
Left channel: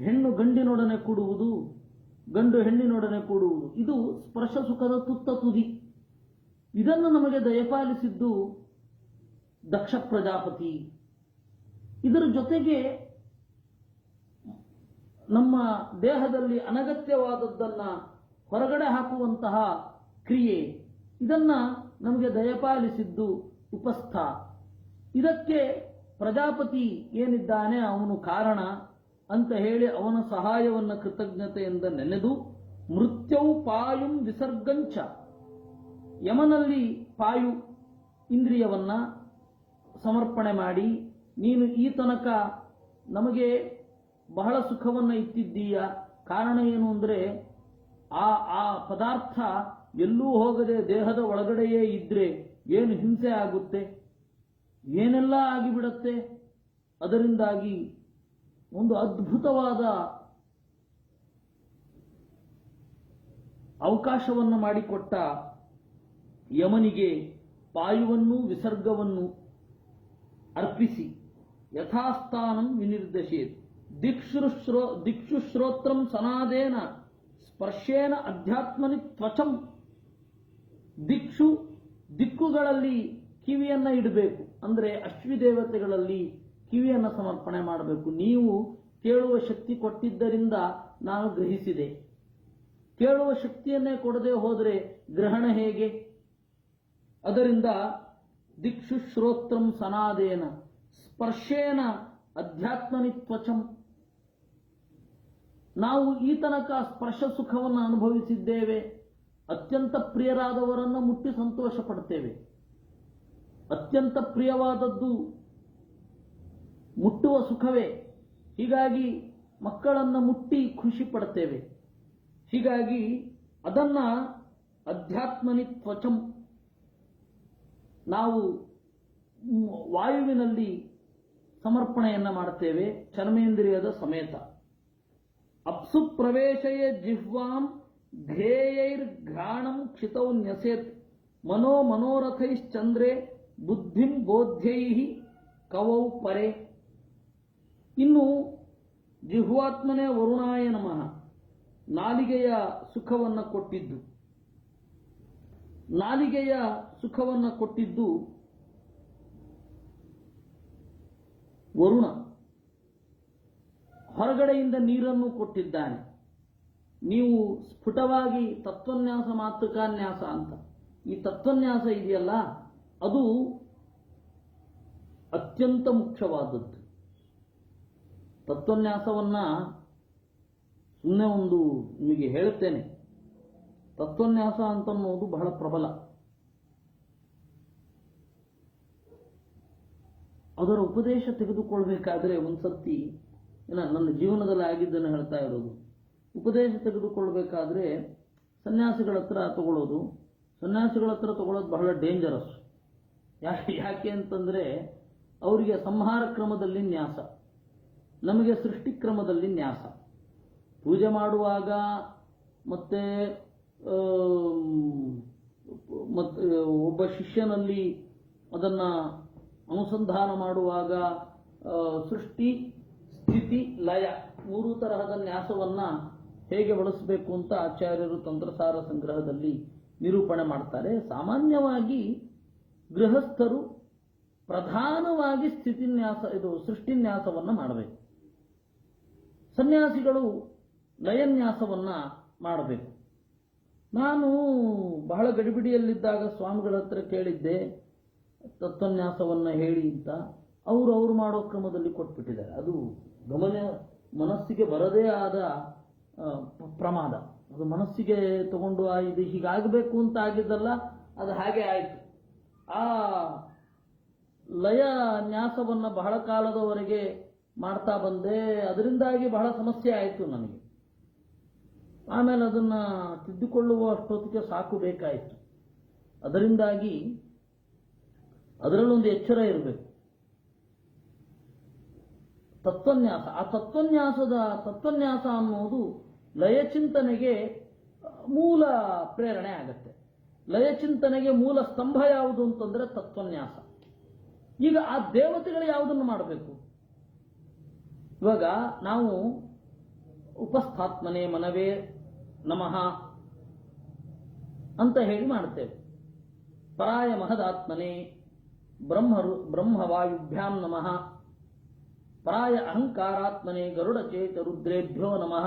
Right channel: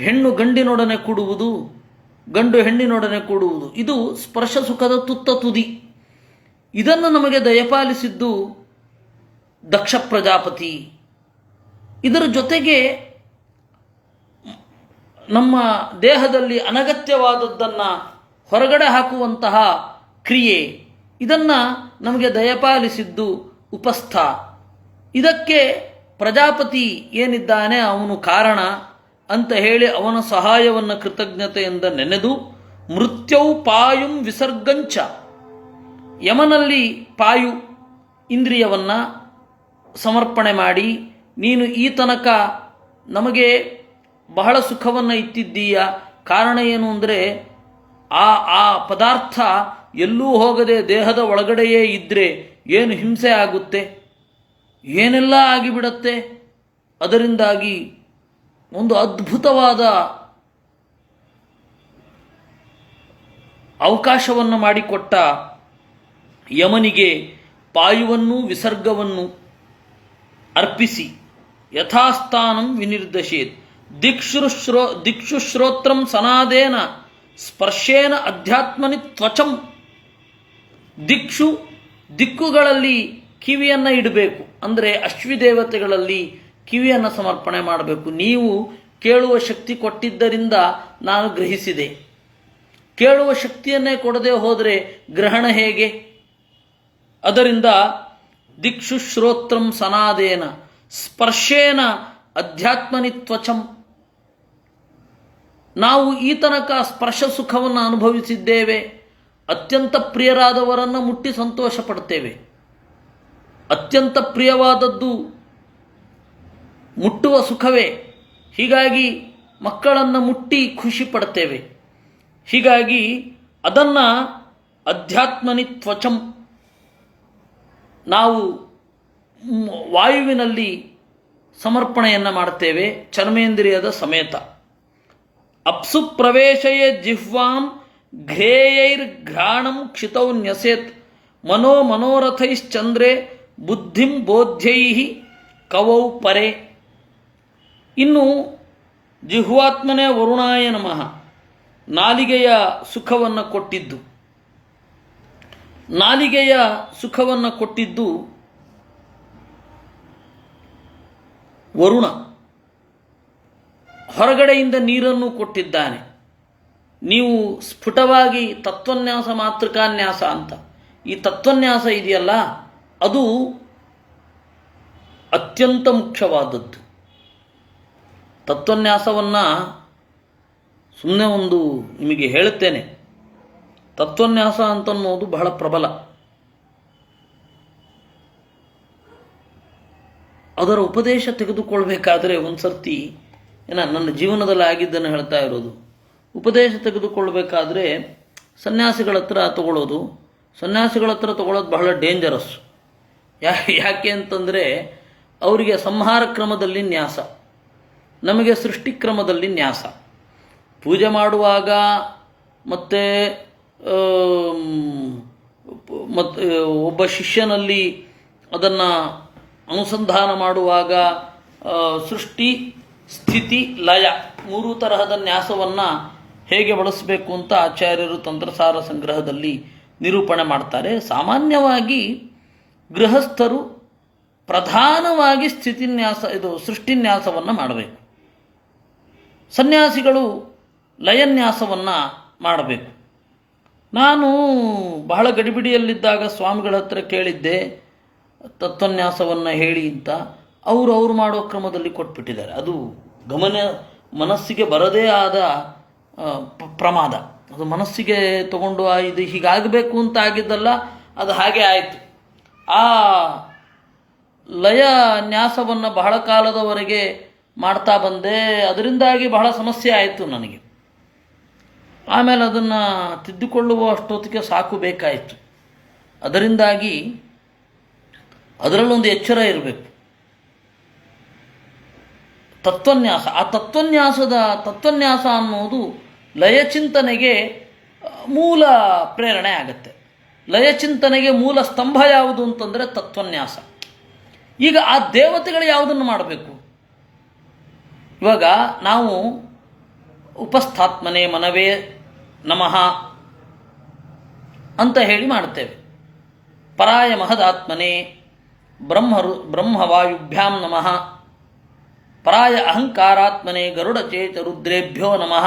ಹೆಣ್ಣು ಗಂಡಿನೊಡನೆ ಕೂಡುವುದು, ಗಂಡು ಹೆಣ್ಣಿನೊಡನೆ ಕೂಡುವುದು, ಇದು ಸ್ಪರ್ಶ ಸುಖದ ತುತ್ತ ತುದಿ. ಇದನ್ನು ನಮಗೆ ದಯಪಾಲಿಸಿದ್ದು ದಕ್ಷ ಪ್ರಜಾಪತಿ. ಇದರ ಜೊತೆಗೆ ನಮ್ಮ ದೇಹದಲ್ಲಿ ಅನಗತ್ಯವಾದದ್ದನ್ನು ಹೊರಗಡೆ ಹಾಕುವಂತಹ ಕ್ರಿಯೆ, ಇದನ್ನು ನಮಗೆ ದಯಪಾಲಿಸಿದ್ದು ಉಪಸ್ಥ. ಇದಕ್ಕೆ ಪ್ರಜಾಪತಿ ಏನಿದ್ದಾನೆ ಅವನು ಕಾರಣ ಅಂತ ಹೇಳಿ ಅವನ ಸಹಾಯವನ್ನು ಕೃತಜ್ಞತೆಯಿಂದ ನೆನೆದು, ಮೃತ್ಯೌ ಪಾಯುಂ ವಿಸರ್ಗಂಚ, ಯಮನಲ್ಲಿ ಪಾಯು ಇಂದ್ರಿಯವನ್ನು ಸಮರ್ಪಣೆ ಮಾಡಿ, ನೀನು ಈ ತನಕ ನಮಗೆ ಬಹಳ ಸುಖವನ್ನು ಇತ್ತಿದ್ದೀಯ, ಕಾರಣ ಏನು ಅಂದರೆ ಆ ಪದಾರ್ಥ ಎಲ್ಲೂ ಹೋಗದೆ ದೇಹದ ಒಳಗಡೆಯೇ ಇದ್ದರೆ ಏನು ಹಿಂಸೆ ಆಗುತ್ತೆ, ಏನೆಲ್ಲ ಆಗಿಬಿಡತ್ತೆ. ಅದರಿಂದಾಗಿ ಒಂದು ಅದ್ಭುತವಾದ ಅವಕಾಶವನ್ನು ಮಾಡಿಕೊಟ್ಟ ಯಮನಿಗೆ ಪಾಯುವನ್ನು ವಿಸರ್ಗವನ್ನು ಅರ್ಪಿಸಿ ಯಥಾಸ್ಥಾನಂ ವಿನಿರ್ದಶೇತ್. ದಿಕ್ಷುಶ್ರೋತ್ರಂ ಸನಾದೇನ ಸ್ಪರ್ಶೇನ ಅಧ್ಯಾತ್ಮನಿ ತ್ವಚಂ. ದಿಕ್ಕುಗಳಲ್ಲಿ ಕಿವಿಯನ್ನು ಇಡಬೇಕು, ಅಂದರೆ ಅಶ್ವಿದೇವತೆಗಳಲ್ಲಿ ಕಿವಿಯನ್ನು ಸಮರ್ಪಣೆ ಮಾಡಬೇಕು. ನೀವು ಕೇಳುವ ಶಕ್ತಿ ಕೊಟ್ಟಿದ್ದರಿಂದ ನಾನು ಗ್ರಹಿಸಿದೆ, ಕೇಳುವ ಶಕ್ತಿಯನ್ನೇ ಕೊಡದೆ ಹೋದರೆ ಗ್ರಹಣ ಹೇಗೆ? ಅದರಿಂದ ದಿಕ್ಷುಶ್ರೋತ್ರಂ ಸನಾದೇನ ಸ್ಪರ್ಶೇನ ಅಧ್ಯಾತ್ಮನಿ ತ್ವಚಂ. ನಾವು ಈ ತನಕ ಸ್ಪರ್ಶ ಸುಖವನ್ನು ಅನುಭವಿಸಿದ್ದೇವೆ, ಅತ್ಯಂತ ಪ್ರಿಯರಾದವರನ್ನು ಮುಟ್ಟಿ ಸಂತೋಷ ಪಡ್ತೇವೆ. ಅತ್ಯಂತ ಪ್ರಿಯವಾದದ್ದು ಮುಟ್ಟುವ ಸುಖವೇ, ಹೀಗಾಗಿ ಮಕ್ಕಳನ್ನು ಮುಟ್ಟಿ ಖುಷಿ ಪಡ್ತೇವೆ. ಹೀಗಾಗಿ ಅದನ್ನು ಅಧ್ಯಾತ್ಮನಿ ತ್ವಚಂ ನಾವು ವಾಯುವಿನಲ್ಲಿ ಸಮರ್ಪಣೆಯನ್ನು ಮಾಡ್ತೇವೆ, ಚರ್ಮೇಂದ್ರಿಯದ ಸಮೇತ. ಅಪ್ಸು ಪ್ರವೇಶಯೇ ಜಿಹ್ವಾಂ ಘ್ರೇಯೈರ್ಘ್ರಾಣಂ ಕ್ಷಿತೌ ನ್ಯಸೇತ್ ಮನೋರಥೈಶ್ಚಂದ್ರೇ ಬುದ್ಧಿಂ ಬೋಧ್ಯೈ ಕವೌ ಪರೆ. ಇನ್ನು ಜಿಹ್ವಾತ್ಮನೇ ವರುಣಾಯ ನಮಃ, ನಾಲಿಗೆಯ ಸುಖವನ್ನು ಕೊಟ್ಟಿದ್ದು. ನಾಲಿಗೆಯ ಸುಖವನ್ನು ಕೊಟ್ಟಿದ್ದು ವರುಣ, ಹೊರಗಡೆಯಿಂದ ನೀರನ್ನು ಕೊಟ್ಟಿದ್ದಾನೆ. ನೀವು ಸ್ಫುಟವಾಗಿ ತತ್ವನ್ಯಾಸ ಮಾತೃಕಾನ್ಯಾಸ ಅಂತ, ಈ ತತ್ವನ್ಯಾಸ ಇದೆಯಲ್ಲ ಅದು ಅತ್ಯಂತ ಮುಖ್ಯವಾದದ್ದು. ತತ್ವನ್ಯಾಸವನ್ನು ಸುಮ್ಮನೆ ಒಂದು ನಿಮಗೆ ಹೇಳುತ್ತೇನೆ. ತತ್ವನ್ಯಾಸ ಅಂತನ್ನೋದು ಬಹಳ ಪ್ರಬಲ. ಅದರ ಉಪದೇಶ ತೆಗೆದುಕೊಳ್ಬೇಕಾದ್ರೆ ಒಂದು ಸರ್ತಿ ನನ್ನ ಜೀವನದಲ್ಲಿ ಆಗಿದ್ದನ್ನು ಹೇಳ್ತಾ ಇರೋದು. ಉಪದೇಶ ತೆಗೆದುಕೊಳ್ಬೇಕಾದ್ರೆ ಸನ್ಯಾಸಿಗಳ ಹತ್ರ ತಗೊಳ್ಳೋದು, ಸನ್ಯಾಸಿಗಳ ಹತ್ರ ತಗೊಳ್ಳೋದು ಬಹಳ ಡೇಂಜರಸ್. ಯಾಕೆ ಅಂತಂದರೆ ಅವರಿಗೆ ಸಂಹಾರ ಕ್ರಮದಲ್ಲಿ ನ್ಯಾಸ, ನಮಗೆ ಸೃಷ್ಟಿ ಕ್ರಮದಲ್ಲಿ ನ್ಯಾಸ. ಪೂಜೆ ಮಾಡುವಾಗ ಮತ್ತು ಒಬ್ಬ ಶಿಷ್ಯನಲ್ಲಿ ಅದನ್ನು ಅನುಸಂಧಾನ ಮಾಡುವಾಗ ಸೃಷ್ಟಿ, ಸ್ಥಿತಿ, ಲಯ ಮೂರು ತರಹದ ನ್ಯಾಸವನ್ನು ಹೇಗೆ ಬಳಸಬೇಕು ಅಂತ ಆಚಾರ್ಯರು ತಂತ್ರಸಾರ ಸಂಗ್ರಹದಲ್ಲಿ ನಿರೂಪಣೆ ಮಾಡ್ತಾರೆ. ಸಾಮಾನ್ಯವಾಗಿ ಗೃಹಸ್ಥರು ಪ್ರಧಾನವಾಗಿ ಸ್ಥಿತಿನ್ಯಾಸ ಸೃಷ್ಟಿನ್ಯಾಸವನ್ನು ಮಾಡಬೇಕು, ಸನ್ಯಾಸಿಗಳು ಲಯನ್ಯಾಸವನ್ನು ಮಾಡಬೇಕು. ನಾನು ಬಹಳ ಗಡಿಬಿಡಿಯಲ್ಲಿದ್ದಾಗ ಸ್ವಾಮಿಗಳ ಹತ್ರ ಕೇಳಿದ್ದೆ ತತ್ವನ್ಯಾಸವನ್ನು ಹೇಳಿ ಅಂತ. ಅವರು ಮಾಡೋ ಕ್ರಮದಲ್ಲಿ ಕೊಟ್ಬಿಟ್ಟಿದ್ದಾರೆ. ಅದು ಮನಸ್ಸಿಗೆ ಬರದೇ ಆದ ಪ್ರಮಾದ. ಅದು ಮನಸ್ಸಿಗೆ ತಗೊಂಡು ಇದು ಹೀಗಾಗಬೇಕು ಅಂತ ಆಗಿದ್ದಲ್ಲ, ಅದು ಹಾಗೆ ಆಯಿತು. ಆ ಲಯ ನ್ಯಾಸವನ್ನು ಬಹಳ ಕಾಲದವರೆಗೆ ಮಾಡ್ತಾ ಬಂದೆ. ಅದರಿಂದಾಗಿ ಬಹಳ ಸಮಸ್ಯೆ ಆಯಿತು ನನಗೆ. ಆಮೇಲೆ ಅದನ್ನು ತಿದ್ದುಕೊಳ್ಳುವ ಅಷ್ಟೊತ್ತಿಗೆ ಸಾಕು ಬೇಕಾಯಿತು. ಅದರಿಂದಾಗಿ ಅದರಲ್ಲೊಂದು ಎಚ್ಚರ ಇರಬೇಕು. ತತ್ವನ್ಯಾಸ, ಆ ತತ್ವನ್ಯಾಸ ಅನ್ನೋದು ಲಯಚಿಂತನೆಗೆ ಮೂಲ ಪ್ರೇರಣೆ ಆಗುತ್ತೆ. ಲಯಚಿಂತನೆಗೆ ಮೂಲ ಸ್ತಂಭ ಯಾವುದು ಅಂತಂದರೆ ತತ್ವನ್ಯಾಸ. ಈಗ ಆ ದೇವತೆಗಳು ಯಾವುದನ್ನು ಮಾಡಬೇಕು? ಇವಾಗ ನಾವು ಉಪಸ್ಥಾತ್ಮನೆ ಮನವೇ ನಮಃ ಅಂತ ಹೇಳಿ ಮಾಡ್ತೇವೆ. ಪರಾಯ ಮಹದಾತ್ಮನೆ ಬ್ರಹ್ಮವಾಯುಭ್ಯಾಂ ನಮಃ, ಪರಾಯ ಅಹಂಕಾರಾತ್ಮನೆ ಗರುಡಚೇತ ರುದ್ರೇಭ್ಯೋ ನಮಃ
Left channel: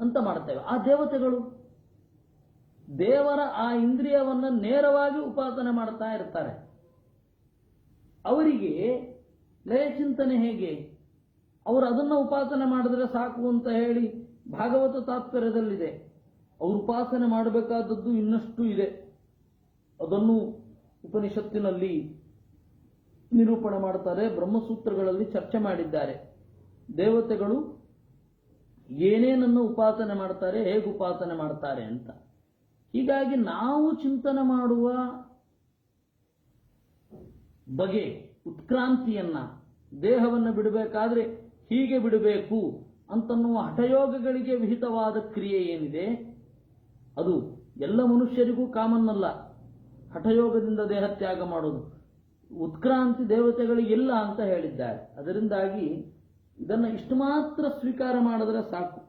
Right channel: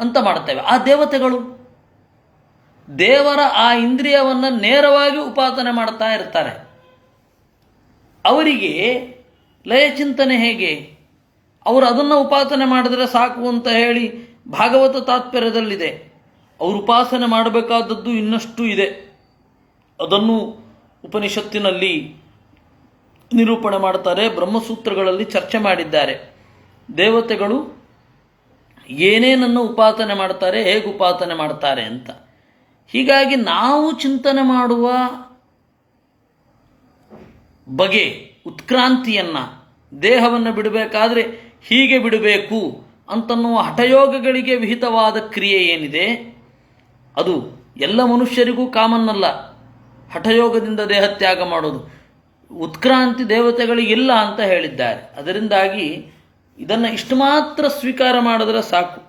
ಅಂತ ಮಾಡ್ತೇವೆ. ಆ ದೇವತೆಗಳು ದೇವರ ಆ ಇಂದ್ರಿಯವನ್ನು ನೇರವಾಗಿ ಉಪಾಸನೆ ಮಾಡ್ತಾ ಇರ್ತಾರೆ. ಅವರಿಗೆ ಲಯಚಿಂತನೆ ಹೇಗೆ? ಅವರು ಅದನ್ನು ಉಪಾಸನೆ ಮಾಡಿದ್ರೆ ಸಾಕು ಅಂತ ಹೇಳಿ ಭಾಗವತ ತಾತ್ಪರ್ಯದಲ್ಲಿದೆ. ಅವರು ಉಪಾಸನೆ ಮಾಡಬೇಕಾದದ್ದು ಇನ್ನಷ್ಟು ಇದೆ. ಅದನ್ನು ಉಪನಿಷತ್ತಿನಲ್ಲಿ ನಿರೂಪಣೆ ಮಾಡ್ತಾರೆ, ಬ್ರಹ್ಮಸೂತ್ರಗಳಲ್ಲಿ ಚರ್ಚೆ ಮಾಡಿದ್ದಾರೆ. ದೇವತೆಗಳು ಏನೇನನ್ನು ಉಪಾಸನೆ ಮಾಡ್ತಾರೆ, ಹೇಗೆ ಉಪಾಸನೆ ಮಾಡ್ತಾರೆ ಅಂತ. ಹೀಗಾಗಿ ನಾವು ಚಿಂತನೆ ಮಾಡುವ ಬಗೆ, ಉತ್ಕ್ರಾಂತಿಯನ್ನು, ದೇಹವನ್ನು ಬಿಡಬೇಕಾದ್ರೆ ಹೀಗೆ ಬಿಡಬೇಕು ಅಂತನ್ನುವ ಹಠಯೋಗಗಳಿಗೆ ವಿಹಿತವಾದ ಕ್ರಿಯೆ ಏನಿದೆ ಅದು ಎಲ್ಲ ಮನುಷ್ಯರಿಗೂ ಕಾಮನ್ನಲ್ಲ. ಹಠಯೋಗದಿಂದ ದೇಹತ್ಯಾಗ ಮಾಡೋದು ಉತ್ಕ್ರಾಂತಿ ದೇವತೆಗಳಿಗಿಲ್ಲ ಅಂತ ಹೇಳಿದ್ದಾರೆ. ಅದರಿಂದಾಗಿ ಇದನ್ನು ಇಷ್ಟು ಮಾತ್ರ ಸ್ವೀಕಾರ ಮಾಡಿದ್ರೆ ಸಾಕು.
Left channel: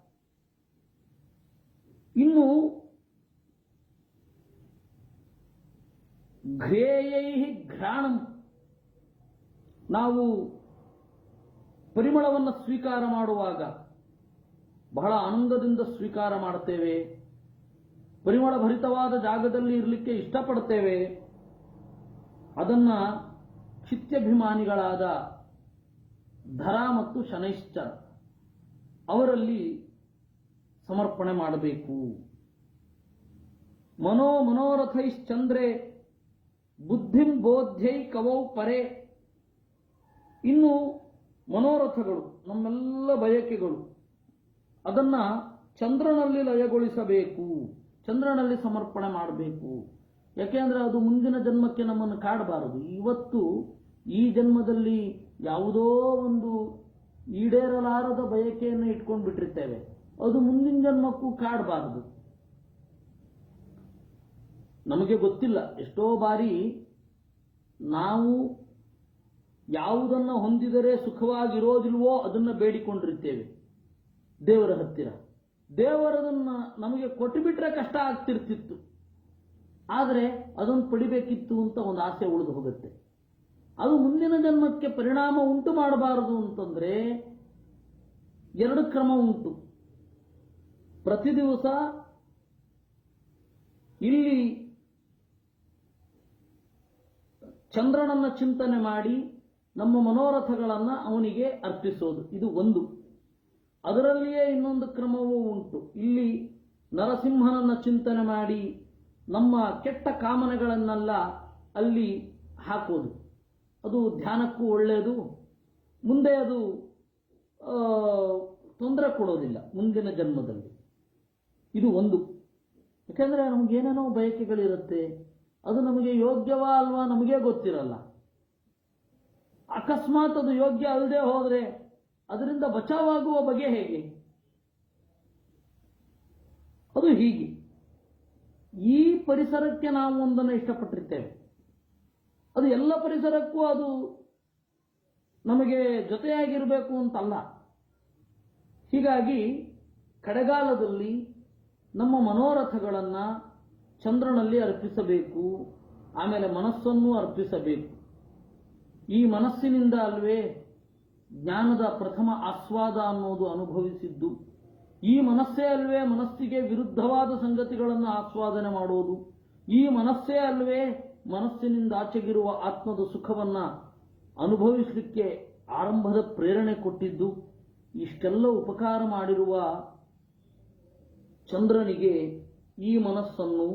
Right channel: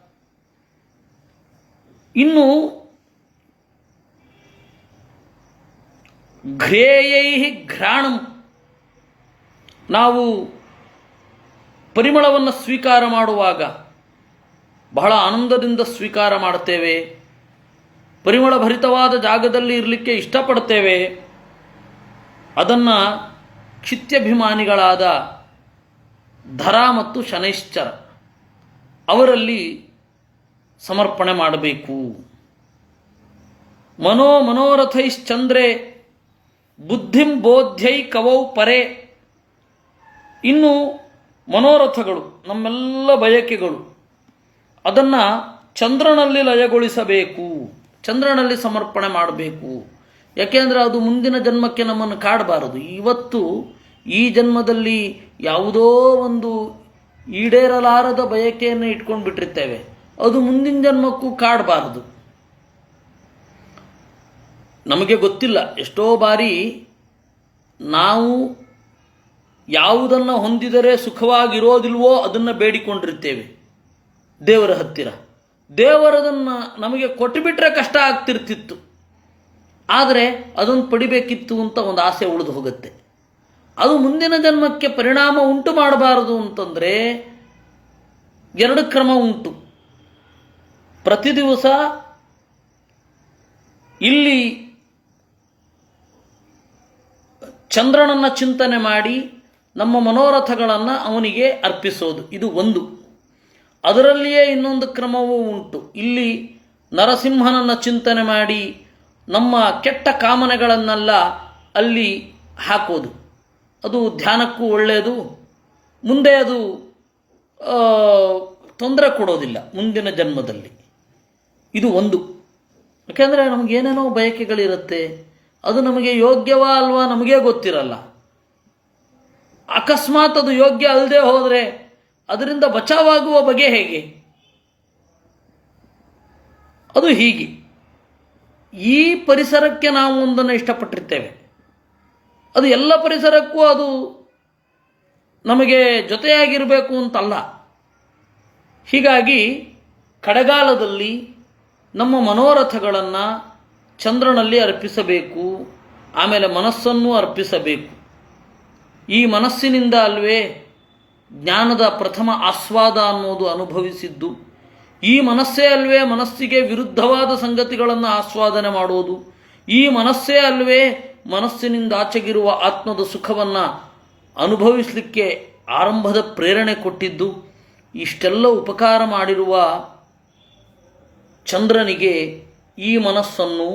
ಇನ್ನು ಘ್ರೇಯೈ ಘ್ರಾಣಂ, ನಾವು ಪರಿಮಳವನ್ನು ಸ್ವೀಕಾರ ಮಾಡುವಾಗ ಬಹಳ ಆನಂದದಿಂದ ಸ್ವೀಕಾರ ಮಾಡ್ತೇವೆ. ಪರಿಮಳ ಭರಿತವಾದ ಜಾಗದಲ್ಲಿ ಇರಲಿಕ್ಕೆ ಇಷ್ಟಪಡ್ತೇವೆ. ಅದನ್ನು ಕ್ಷಿತ್ಯಭಿಮಾನಿಗಳಾದ ಧರ ಮತ್ತು ಶನೈಶ್ಚರ ಅವರಲ್ಲಿ ಸಮರ್ಪಣೆ ಮಾಡಬೇಕು. ಮನೋರಥೈಶ್ಚಂದ್ರೇ ಬುದ್ಧಿಂ ಬೋಧ್ಯೈ ಕವೌ ಪರೇ. ಇನ್ನು ಮನೋರಥಗಳು, ನಮ್ಮೆಲ್ಲ ಬಯಕೆಗಳು, ಅದನ್ನು ಚಂದ್ರನಲ್ಲಿ ಲಯಗೊಳಿಸಬೇಕು, ಚಂದ್ರನಲ್ಲಿ ಸಮರ್ಪಣೆ ಮಾಡಬೇಕು. ಯಾಕೆಂದರೆ ಅದು ಮುಂದಿನ ಜನ್ಮಕ್ಕೆ ನಮ್ಮನ್ನು ಕಾಡಬಾರದು. ಇವತ್ತು ಈ ಜನ್ಮದಲ್ಲಿ ಯಾವುದೋ ಒಂದು ಈಡೇರಲಾರದ ಬಯಕೆಯನ್ನು ಇಟ್ಕೊಂಡು ಬಿಟ್ಟಿರ್ತೇವೆ, ಅದು ಮುಂದಿನ ಜನ್ಮಕ್ಕೂ ಕಾಡಬಾರದು. ನಮಗೆ ಗೊತ್ತಿಲ್ಲ, ಎಷ್ಟೋ ಬಾರಿ ನಾವು ಯಾವುದನ್ನು ಹೊಂದಿದರೆ ಸುಖವಾಗಿರೋದಿಲ್ವೋ ಅದನ್ನು ಬೇಡಿಕೊಂಡಿರ್ತೇವೆ ದೇವರ ಹತ್ತಿರ. ದೇವರದನ್ನು ನಮಗೆ ಕೊಟ್ಟುಬಿಟ್ರೆ ಕಷ್ಟ ಆಗ್ತಿರ್ತಿತ್ತು. ಆದರೆ ಅದನ್ನು ಪಡಿಬೇಕಿತ್ತು ಅಂತ ಒಂದು ಆಸೆ ಉಳಿದು ಹೋಗುತ್ತೆ. ಅದು ಮುಂದಿನ ಜನ್ಮಕ್ಕೆ ಪರಿಣಾಮ ಉಂಟು ಮಾಡಬಾರದು ಅಂತಂದರೆ ಎರಡು ಕ್ರಮ ಉಂಟು. ಪ್ರತಿ ದಿವಸ ಇಲ್ಲಿ ಚಂದ್ರನನ್ನು ಚಿಂತನೆ ಮಾಡಿ ನಮ್ಮ ಮನೋರಥಗಳನ್ನು ಅವನಿಗೆ ಅರ್ಪಿಸೋದು, ಇದು ಒಂದು. ಅದರಲ್ಲಿಯೇ ಇನ್ನೊಂದು ಕ್ರಮವೂ ಉಂಟು. ಇಲ್ಲಿ ನರಸಿಂಹನನ್ನು ಚಿಂತನೆ ಮಾಡಿ ನಮ್ಮ ಕೆಟ್ಟ ಕಾಮನೆಗಳನ್ನೆಲ್ಲ ಅಲ್ಲಿ ಹಾಕೋದು, ಅದು ಧ್ಯಾನಕ್ಕೂ ಒಳ್ಳೆಯದು. ಮುಂದೆ ಅದು ತೊಂದರೆ ಕೊಡೋದಿಲ್ಲ ಮುಂದಿನ ಜನ್ಮದಲ್ಲಿ. ಇದು ಒಂದು. ಯಾಕೆಂದರೆ ನಮಗೇನೇನೋ ಬಯಕೆಗಳಿರುತ್ತೆ, ಅದು ನಮಗೆ ಯೋಗ್ಯವಾ ಅಲ್ವಾ ನಮಗೇ ಗೊತ್ತಿರಲ್ಲ. ಅಕಸ್ಮಾತ್ ಅದು ಯೋಗ್ಯ ಅಲ್ಲದೆ ಹೋದರೆ ಅದರಿಂದ ಬಚಾವಾಗುವ ಬಗೆ ಹೇಗೆ? ಅದು ಹೀಗೆ. ಈ ಪರಿಸರಕ್ಕೆ ನಾವು ಒಂದನ್ನು ಇಷ್ಟಪಟ್ಟಿರ್ತೇವೆ, ಅದು ಎಲ್ಲ ಪರಿಸರಕ್ಕೂ ಅದು ನಮಗೆ ಜೊತೆಯಾಗಿರಬೇಕು ಅಂತಲ್ಲ. ಹೀಗಾಗಿ ಕಡೆಗಾಲದಲ್ಲಿ ನಮ್ಮ ಮನೋರಥಗಳನ್ನು ಚಂದ್ರನಲ್ಲಿ ಅರ್ಪಿಸಬೇಕು, ಆಮೇಲೆ ಮನಸ್ಸನ್ನು ಅರ್ಪಿಸಬೇಕು. ಈ ಮನಸ್ಸಿನಿಂದ ಅಲ್ವೇ ಜ್ಞಾನದ ಪ್ರಥಮ ಆಸ್ವಾದ ಅನ್ನೋದು ಅನುಭವಿಸಿದ್ದು. ಈ ಮನಸ್ಸೇ ಅಲ್ವೇ ಮನಸ್ಸಿಗೆ ವಿರುದ್ಧವಾದ ಸಂಗತಿಗಳನ್ನು ಆಸ್ವಾದನೆ ಮಾಡೋದು. ಈ ಮನಸ್ಸೇ ಅಲ್ವೇ ಮನಸ್ಸಿನಿಂದ ಆಚೆಗಿರುವ ಆತ್ಮದ ಸುಖವನ್ನು ಅನುಭವಿಸಲಿಕ್ಕೆ ಆರಂಭದ ಪ್ರೇರಣೆ ಕೊಟ್ಟಿದ್ದು. ಇಷ್ಟೆಲ್ಲ ಉಪಕಾರ ಮಾಡಿರುವ ಚಂದ್ರನಿಗೆ ಈ ಮನಸ್ಸನ್ನು,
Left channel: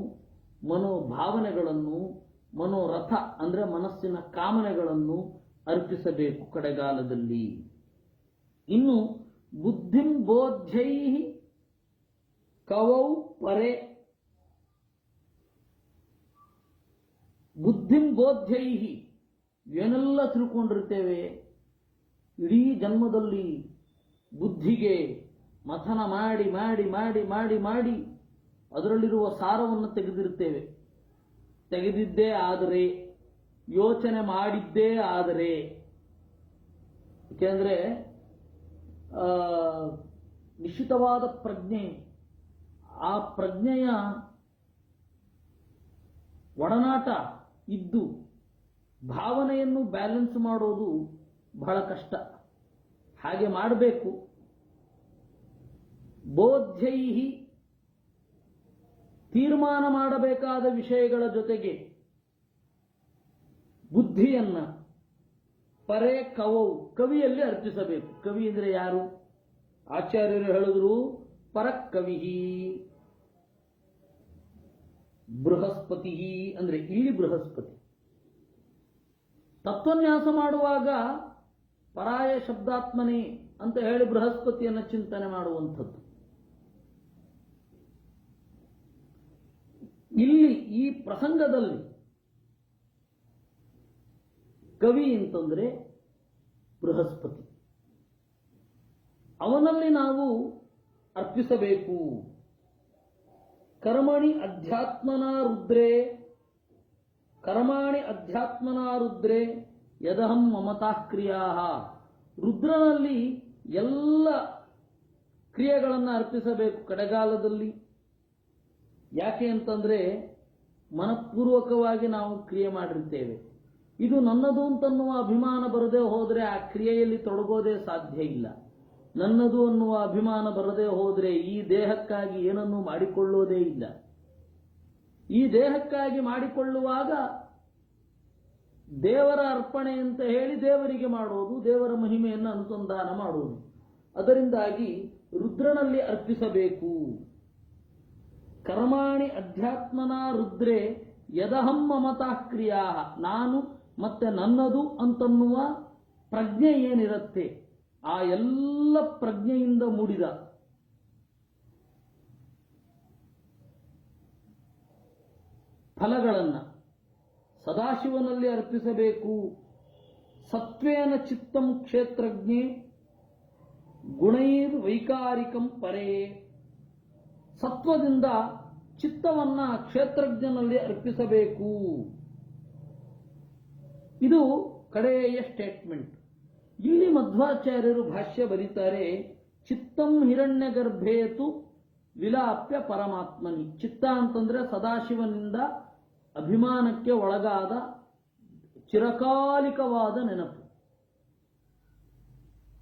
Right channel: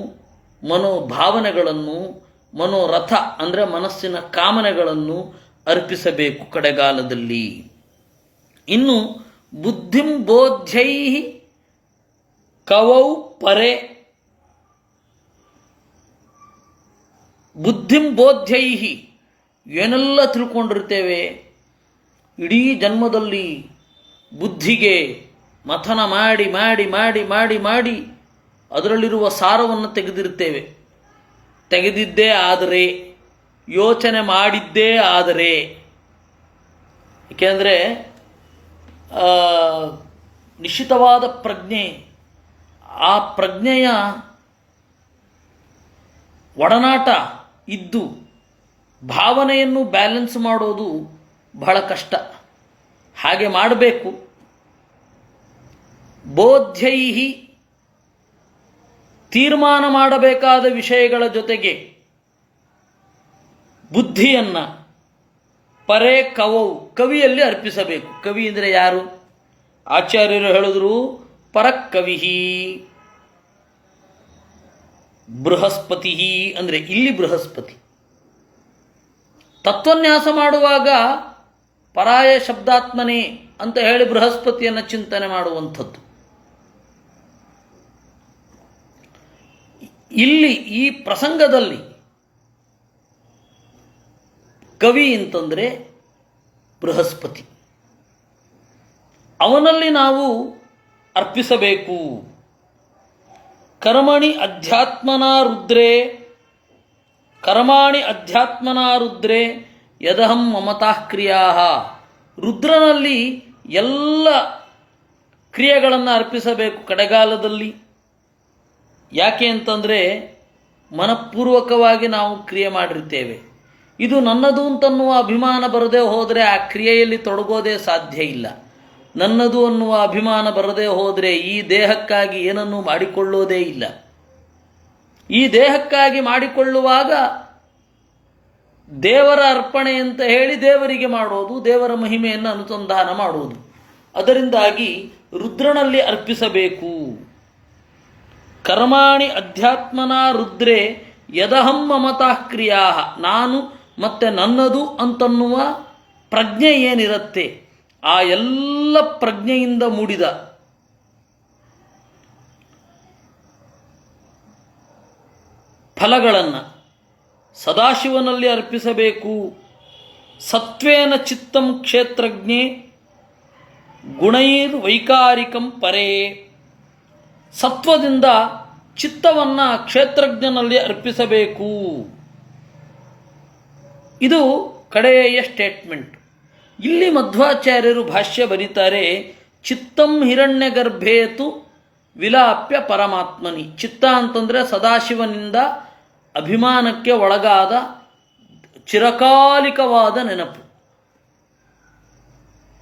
ಮನೋಭಾವನೆಗಳನ್ನು, ಮನೋರಥ ಅಂದರೆ ಮನಸ್ಸಿನ ಕಾಮನೆಗಳನ್ನು ಅರ್ಪಿಸಬೇಕು ಕಡೆಗಾಲದಲ್ಲಿ. ಇನ್ನು ಬುದ್ಧಿಂ ಬೋಧ್ಯೈ ಕವೌ ಪರೆ, ಬುದ್ಧಿಂ ಬೋಧ್ಯೈ ಏನೆಲ್ಲ ತಿಳ್ಕೊಂಡಿರ್ತೇವೆ ಇಡೀ ಜನ್ಮದಲ್ಲಿ, ಬುದ್ಧಿಗೆ ಮಥನ ಮಾಡಿ ಮಾಡಿ ಮಾಡಿ ಮಾಡಿ ಮಾಡಿ ಅದರಲ್ಲಿರುವ ಸಾರವನ್ನು ತೆಗೆದಿರ್ತೇವೆ. ತೆಗೆದಿದ್ದೇ ಆದರೆ, ಯೋಚನೆ ಮಾಡಿದ್ದೇ ಆದರೆ. ಏಕೆಂದರೆ ನಿಶ್ಚಿತವಾದ ಪ್ರಜ್ಞೆ, ಆ ಪ್ರಜ್ಞೆಯ ಒಡನಾಟ ಇದ್ದು ಭಾವನೆಯನ್ನು ಬ್ಯಾಲೆನ್ಸ್ ಮಾಡೋದು ಬಹಳ ಕಷ್ಟ. ಹಾಗೆ ಮಾಡಬೇಕು. ಬೋಧ್ಯೈಹಿ ತೀರ್ಮಾನ ಮಾಡಬೇಕಾದ ವಿಷಯಗಳ ಜೊತೆಗೆ ಬುದ್ಧಿಯನ್ನು ಪರೇ ಕವೌ ಕವಿಯಲ್ಲಿ ಅರ್ಪಿಸಬೇಕು. ಕವಿ ಅಂದರೆ ಯಾರು? ಆಚಾರ್ಯರು ಹೇಳಿದ್ರು ಪರಕವಿ ಬೃಹಸ್ಪತಿ ಅಂದರೆ ಇಲ್ಲಿ ಬೃಹಸ್ಪತಿ. ತತ್ವನ್ಯಾಸ ಮಾಡುವಾಗ ಪರಾಯ ಶಬ್ದಾತ್ಮನೇ ಅಂತ ಹೇಳಿ ಬೃಹಸ್ಪತಿಯನ್ನು ಚಿಂತನೆ ಮಾಡುವಂಥದ್ದು. ಇಲ್ಲಿ ಈ ಪ್ರಸಂಗದಲ್ಲಿ ಕವಿ ಅಂತಂದರೆ ಬೃಹಸ್ಪತಿ, ಅವನಲ್ಲಿ ನಾವು ಅರ್ಪಿಸಬೇಕು. ಕರ್ಮಣಿ ಅಧ್ಯಾತ್ಮನಾ ರುದ್ರೇ, ಕರ್ಮಾಣಿ ಅಧ್ಯಾತ್ಮನಾ ರುದ್ರೇ ಯದಹಂ ಮಮತಃ ಕ್ರಿಯಾ. ರುದ್ರನಲ್ಲಿ ಎಲ್ಲ ಕ್ರಿಯೆಗಳನ್ನು ಅರ್ಪಿಸಬೇಕು ಕಡೆಗಾಲದಲ್ಲಿ. ಯಾಕೆ ಅಂತಂದರೆ ಮನಪೂರ್ವಕವಾಗಿ ನಾವು ಕ್ರಿಯೆ ಮಾಡಿರ್ತೇವೆ. ಇದು ನನ್ನದು ಅಂತನ್ನುವ ಅಭಿಮಾನ ಬರದೇ ಹೋದರೆ ಆ ಕ್ರಿಯೆಯಲ್ಲಿ ತೊಡಗೋದೇ ಸಾಧ್ಯ ಇಲ್ಲ. ನನ್ನದು ಅನ್ನುವ ಅಭಿಮಾನ ಬರದೇ ಹೋದರೆ ಈ ದೇಹಕ್ಕಾಗಿ ಏನನ್ನೂ ಮಾಡಿಕೊಳ್ಳೋದೇ ಇಲ್ಲ. ಈ ದೇಹಕ್ಕಾಗಿ ಮಾಡಿಕೊಳ್ಳುವಾಗ ದೇವರ ಅರ್ಪಣೆ ಅಂತ ಹೇಳಿ ದೇವರಿಗೆ ಮಾಡೋದು, ದೇವರ ಮಹಿಮೆಯನ್ನು ಅನುಸಂಧಾನ ಮಾಡುವುದು. ಅದರಿಂದಾಗಿ ರುದ್ರನಲ್ಲಿ ಅರ್ಪಿಸಬೇಕು. ಕರ್ಮಾಣಿ ಅಧ್ಯಾತ್ಮನಾ ರುದ್ರೇ ಯದಹಂ ಮಮತಃ ಕ್ರಿಯಾ. ನಾನು ಮತ್ತು ನನ್ನದು ಅಂತನ್ನುವ ಪ್ರಜ್ಞೆ ಏನಿರುತ್ತೆ, ಆ ಎಲ್ಲ ಪ್ರಜ್ಞೆಯಿಂದ ಮೂಡಿದ ಫಲಗಳನ್ನು ಸದಾಶಿವನಲ್ಲಿ ಅರ್ಪಿಸಬೇಕು. ಸತ್ವೇನ ಚಿತ್ತಂ ಕ್ಷೇತ್ರಜ್ಞೆ ಗುಣೈರ್ ವೈಕಾರಿಕಂ ಪರೇ. ಸತ್ವದಿಂದ ಚಿತ್ತವನ್ನು ಕ್ಷೇತ್ರಜ್ಞನಲ್ಲಿ ಅರ್ಪಿಸಬೇಕು. ಇದು ಕಡೆಯ ಸ್ಟೇಟ್ಮೆಂಟ್. ಇಲ್ಲಿ ಮಧ್ವಾಚಾರ್ಯರು ಭಾಷ್ಯ ಬರೀತಾರೆ, ಚಿತ್ತಂ ಹಿರಣ್ಯಗರ್ಭೇತು ವಿಲಾಪ್ಯ ಪರಮಾತ್ಮನಿ. ಚಿತ್ತ ಅಂತಂದರೆ ಸದಾಶಿವನಿಂದ ಅಭಿಮಾನಕ್ಕೆ ಒಳಗಾದ ಚಿರಕಾಲಿಕವಾದ ನೆನಪು.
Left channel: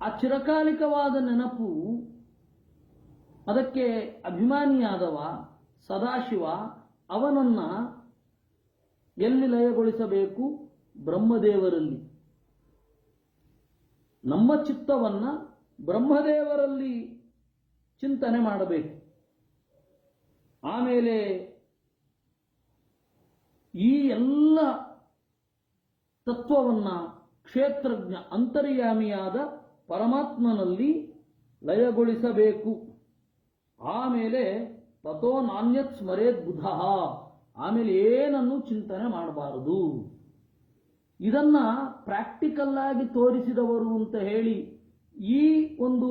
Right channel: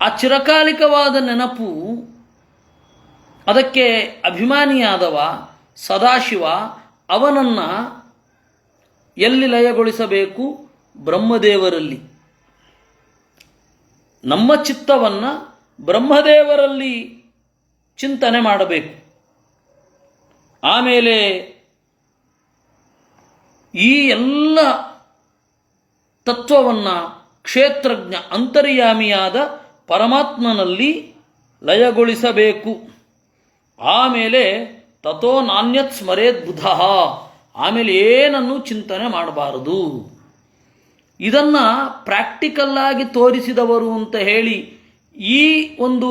ಆ ಚಿರಕಾಲಿಕವಾದ ನೆನಪು, ಅದಕ್ಕೆ ಅಭಿಮಾನಿಯಾದವ ಸದಾಶಿವ ಅವನನ್ನು ಎಲ್ಲಿ ಲಯಗೊಳಿಸಬೇಕು? ಬ್ರಹ್ಮದೇವರಲ್ಲಿ. ನಮ್ಮ ಚಿತ್ತವನ್ನು ಬ್ರಹ್ಮದೇವರಲ್ಲಿ ಚಿಂತನೆ ಮಾಡಬೇಕು. ಆಮೇಲೆ ಈ ಎಲ್ಲ ತತ್ವವನ್ನು ಕ್ಷೇತ್ರಜ್ಞ ಅಂತರ್ಯಾಮಿಯಾದ ಪರಮಾತ್ಮನಲ್ಲಿ ಲಯಗೊಳಿಸಬೇಕು. ಆಮೇಲೆ ತಥೋ ನಾಣ್ಯತ್ ಸ್ಮರೇದ್ ಬುಧ, ಆಮೇಲೆ ಏನನ್ನು ಚಿಂತನೆ ಮಾಡಬಾರದು. ಇದನ್ನು ಪ್ರಾಕ್ಟಿಕಲ್ಲಾಗಿ ತೋರಿಸಿದವರು ಅಂತ ಹೇಳಿ ಈ ಒಂದು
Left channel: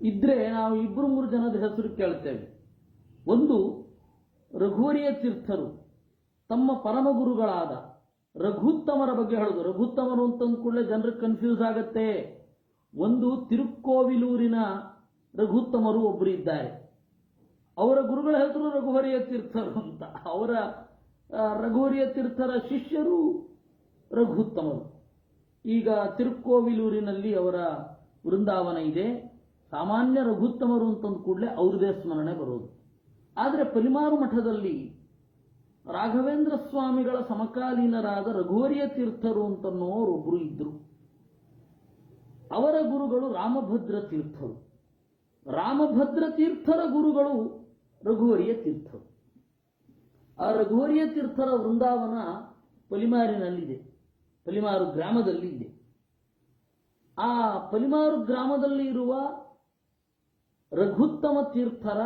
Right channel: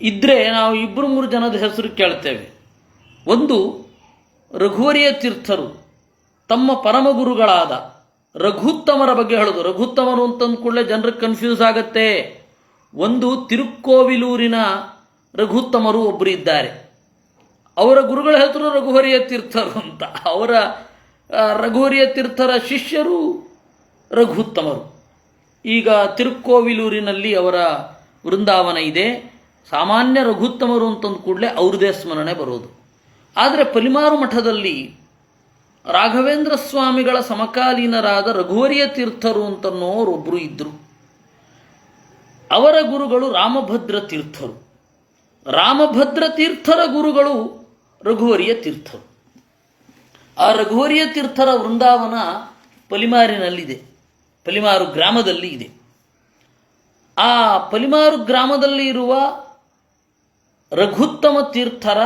ಇದ್ದರೆ ನಾವು 2-3 ಜನದ ಹೆಸರು ಕೇಳ್ತೇವೆ. ಒಂದು ರಘುವರಿಯ ತೀರ್ಥರು ತಮ್ಮ ಪರಮಗುರುಗಳಾದ ರಘುತ್ತಮರ ಬಗ್ಗೆ ಹೇಳೋದು. ರಘುತ್ತಮರು ಅಂತಂದ ಕೂಡಲೇ ಜನರಿಗೆ ಕನ್ಫ್ಯೂಸ್ ಆಗತ್ತೆ. ಒಂದು ತಿರುಕ್ಕೋವಿಲೂರಿನ ರಘುತ್ತಮರು ಒಬ್ಬರು ಇದ್ದಾರೆ. ಅವರ ಗುರುಗಳ ಹೆಸರು ರಘುವರಿಯ ತೀರ್ಥರು ಅಂತ. ಅವರ ರಘುವರಿಯ ತೀರ್ಥರ ಶಿಷ್ಯರು ರಘುತ್ತಮರು. ಈಗ ತಿರುಕ್ಕೋವಿಲೂರಿನಲ್ಲಿ ಅವರ ವೃಂದಾವನ ಇದೆ. ಸಾಮಾನ್ಯ ರಘುತ್ತಮರು ಅಂತಂದು ಕೂಡಲೇ ಅವ್ರದೇ ಸ್ಮರಣೆ ಬರೋದು. ಆದರೆ ಪಲಿಮಾರು ಮಠದಲ್ಲಿ ರಾಘವೇಂದ್ರ ಸ್ವಾಮಿಗಳ ಸಮಕಾಲೀನರಾದ ರಘುವರಿಯ ತೀರ್ಥರು ಅಂತನ್ನೋರೊಬ್ಬರು ಇದ್ದರು. ಅವರ ಗುರುಗಳು ರಾಮಭದ್ರ ತೀರ್ಥರು. ರಾಮಭದ್ರ ತೀರ್ಥರ ಗುರುಗಳು ರಘುವರಿಯ ತೀರ್ಥರು. ಆ ರಘುವರಿಯ ತೀರ್ಥರ ವೃಂದಾವನ ಪಲಿಮಾರಿನಲ್ಲಿದೆ, ಪಲಿಮಾರು ಗ್ರಾಮದಲ್ಲಿ ಇದೆ. ಆ ಪಲಿಮಾರು ಗ್ರಾಮದಲ್ಲಿ ಇರುವ ರಘುತ್ತಮ ತೀರ್ಥರ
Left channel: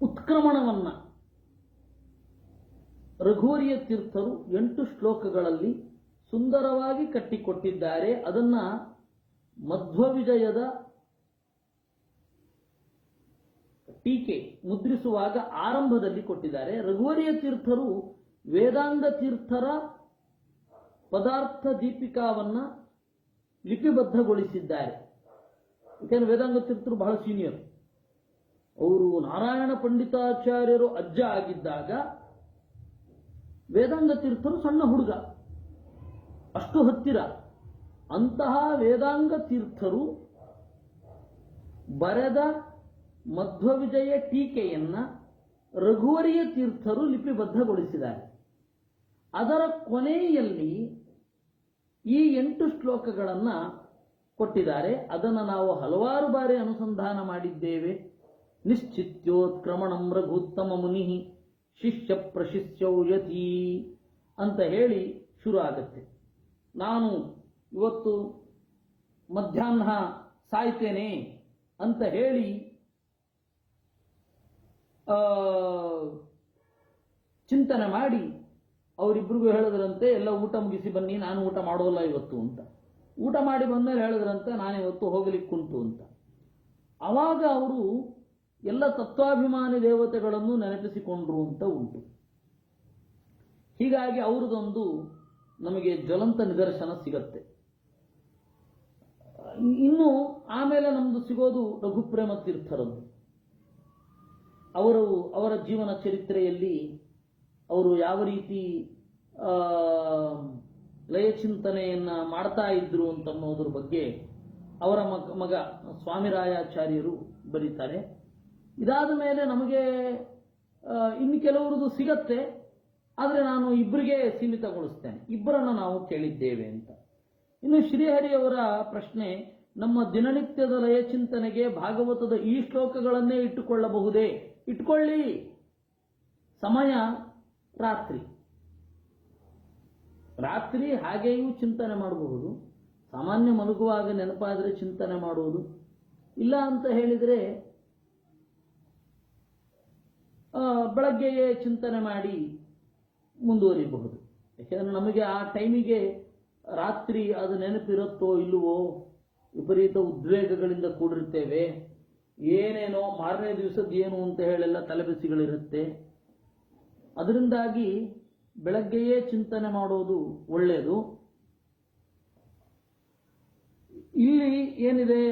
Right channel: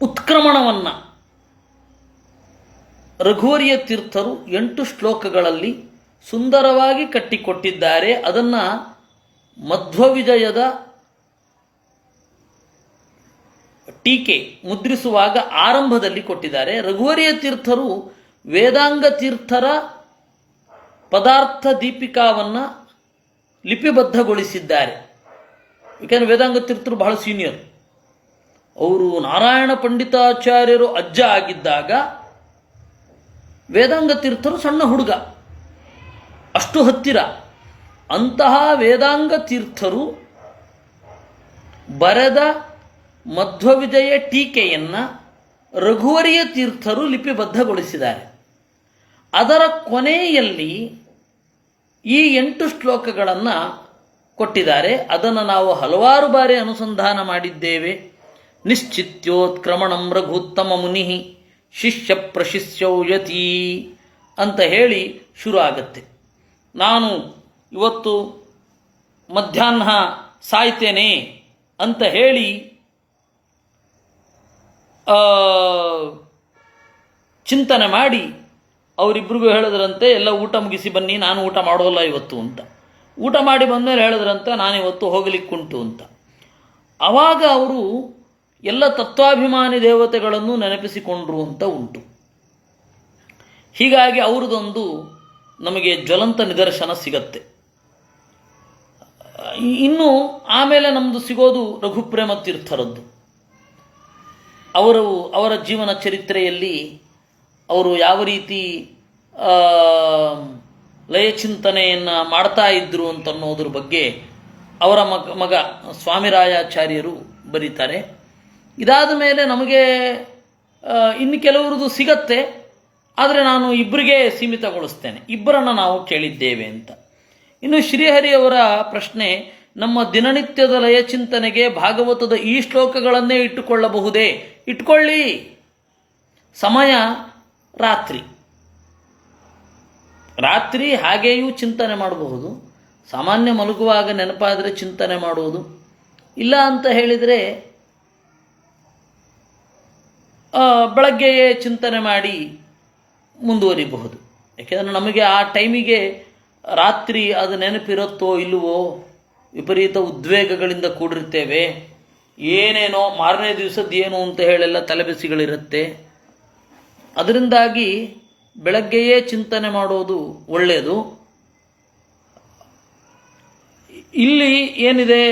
ಉತ್ಕ್ರಮಣವನ್ನು ರಘುವರಿಯ ತೀರ್ಥರು 8 ಶ್ಲೋಕಗಳಲ್ಲಿ ಸುಂದರವಾಗಿ ಕಟ್ಟಿಕೊಟ್ಟಿದ್ದಾರೆ. ಅದನ್ನು ಮಧ್ವವಿಜಯದ ಟೀಕೆ ಮುದ್ರಿಸುವಾಗ ಆರಂಭದಲ್ಲಿ ಕೊಟ್ಟಿದ್ದಾರೆ. ರಘುವರಿಯ ತೀರ್ಥರು ವೇದಾಂಗ ತೀರ್ಥರ ಪದಾರ್ಥ ದೀಪಿಕಾವನ್ನು ಲಿಪಿಬದ್ಧಗೊಳಿಸಿದ್ದಾರೆ. ಏಕೆಂದರೆ ವೇದಾಂಗ ತೀರ್ಥರು ಬಹಳ ಸೀನಿಯರ್. ಅವರು ನಾರಾಯಣ ಪಂಡಿತಾಚಾರ್ಯರು ಅಜ್ಜ ಆಗಿದ್ದಾಗ ವೇದಾಂಗ ತೀರ್ಥರು ಸಣ್ಣ ಹುಡುಗ, ಅಷ್ಟು ಹತ್ತಿರ. ಅಂತಹ ವೇದಾಂಗ ತೀರ್ಥರು ಬರೆದ ಮಧ್ವವಿಜಯ ಟೀಕೆಯನ್ನು ರಘುವರಿಯ ತೀರ್ಥರು ಲಿಪಿಬದ್ಧಗೊಳಿಸಿದ್ದಾರೆ. ಅದರ ಕೊನೆಯಲ್ಲಿ ಈ 8 ಶ್ಲೋಕಗಳನ್ನು ಕೊಟ್ಟಿದ್ದಾರೆ. ಅದನ್ನು ನಾವು ಹಲವಾರು ಬಾರಿ ಅನುಸಂಧಾನ ಮಾಡಿದ್ದೇವೆ. ನಿಶ್ಚಿತ್ಯೋತ್ಕ್ರಮಣಂ ರಘುತ್ತಮ ಮುನಿ ಶಿಷ್ಯ ಪ್ರಶಿಷ್ಯೌ ಯತಿ ಅಂತ ಹೇಳಿ ಶುರು ಆಗುತ್ತೆ. ನಾನು ಇವತ್ತು ಮಧ್ಯಾಹ್ನ ಸಾಯ್ತೇನೆ ಅಂತ ಹೇಳಿ ಚಿಂತನೆ ಮಾಡಿ ಅವರಿಬ್ಬರಿಗೂ ಹೇಳಿದ್ರಂತೆ, ಎಲ್ಲ ಊಟ ಮುಗಿಸಿ ಬನ್ನಿ, ನಾನು ಊಟ ಮಾಡೋಲ್ಲ ಇವತ್ತು ಅಂತ. ಊಟ ಮಾಡಿ ಬಂದಮೇಲೆ ಹೇಳಿದ್ರಂತೆ, ನಾನಿವತ್ತು ಹೋಗಲಿಕ್ಕುಂಟು ಅಂತ. ಆವಾಗ ಅವರು ಎಲ್ಲ ತತ್ವಾಭಿಮಾನಿ ದೇವತೆಗಳನ್ನು ನೆನಪಿಸಿಕೊಂಡ್ರು ಅಂತ ಉಂಟು. ಹೀಗಾಗಿ ಅವ್ರದ್ದೊಂದು ನಮಗೆ ಜ್ವಲಂತ ನಿದರ್ಶನ ಸಿಗತ್ತೆ. ಇನ್ನು ಆಮೇಲೆ ನಮ್ಮದು ಸಿಗೋದು ರಘುಪ್ರೇಮ ತೀರ್ಥರದ್ದು. ಅವರ ಜೀವನ ಚರಿತ್ರೆಯಲ್ಲಿ ಅವರು ಯಾವ ರೀತಿ ಲಯಚಿಂತನೆಯನ್ನು ಮಾಡ್ತಾ ಇದ್ದರು ಅಂತನ್ನೋದ್ರ ಬಗ್ಗೆ ಅವರ ಮಗ ಸ್ವಾಮಿರಾಯಾಚಾರ್ಯರು ಬರೀತಾರೆ. ಇದಾದ ಮೇಲೆ ನಮಗೆ ಇನ್ನು ಕೆಲವರದು ಸಿಗತ್ತೆ, ಆದರೆ ನಾನು ಇಬ್ಬರಿಗೆ ಸೀಮಿತಗೊಳಿಸ್ತೇನೆ. ಇಬ್ಬರನ್ನು ನಾವು ಕೇಳಿದ್ದೇವೆ ಅಂತ. ಇನ್ನು ಶ್ರೀಹರಿಯವರ ಪ್ರಶ್ನೆ, ನಮ್ಮ ದಿನನಿತ್ಯದ ಲಯಚಿಂತನೆಗೆ ಭಾಗವತದ ಈ ಶ್ಲೋಕಗಳನ್ನೇ ಇಟ್ಟುಕೊಳ್ಳಬಹುದೇ? ಇಟ್ಕೊಳ್ಳಿ. ಸಮಯ ರಾತ್ರಿ ಹಾಗೆಯೂ ಚಿಂತನೆ ಮಾಡಬಹುದು. ಸಾಮಾನ್ಯ ಮಲಗುವಾಗ ನೆನಪಾದರೆ ಚಿಂತನೆ ಮಾಡುವುದು. ಇಲ್ಲ ಅಂತ ಹೇಳಿದರೆ ಬೆಳಗ್ಗೆಯೇ ಚಿಂತನೆ ಮಾಡಿ ಮುಂದುವರಿಬಹುದು. ಯಾಕೆಂದರೆ ನಮಗೆ ಆ ಟೈಮಿಗೆ ರಾತ್ರಿ ಅದು ನೆನಪಿರುತ್ತೋ ಇಲ್ಲವೋ, ವಿಪರೀತ ಉದ್ವೇಗಗಳಿಂದ ಕೂಡಿರ್ತೇವೆ. ಏನೇನೋ ಮಾರನೇ ದಿವಸದ್ದು ಏನು ಅಂತ ಹೇಳೆಲ್ಲ ತಲೆಬಿಸಿಗಳಿರುತ್ತೆ. ಅದರಿಂದಾಗಿ ಬೆಳಗ್ಗೆಯೇ ಚಿಂತನೆ ಮಾಡೋದು ಒಳ್ಳೆಯದು. ಇಲ್ಲಿ ಏನಿದೆ,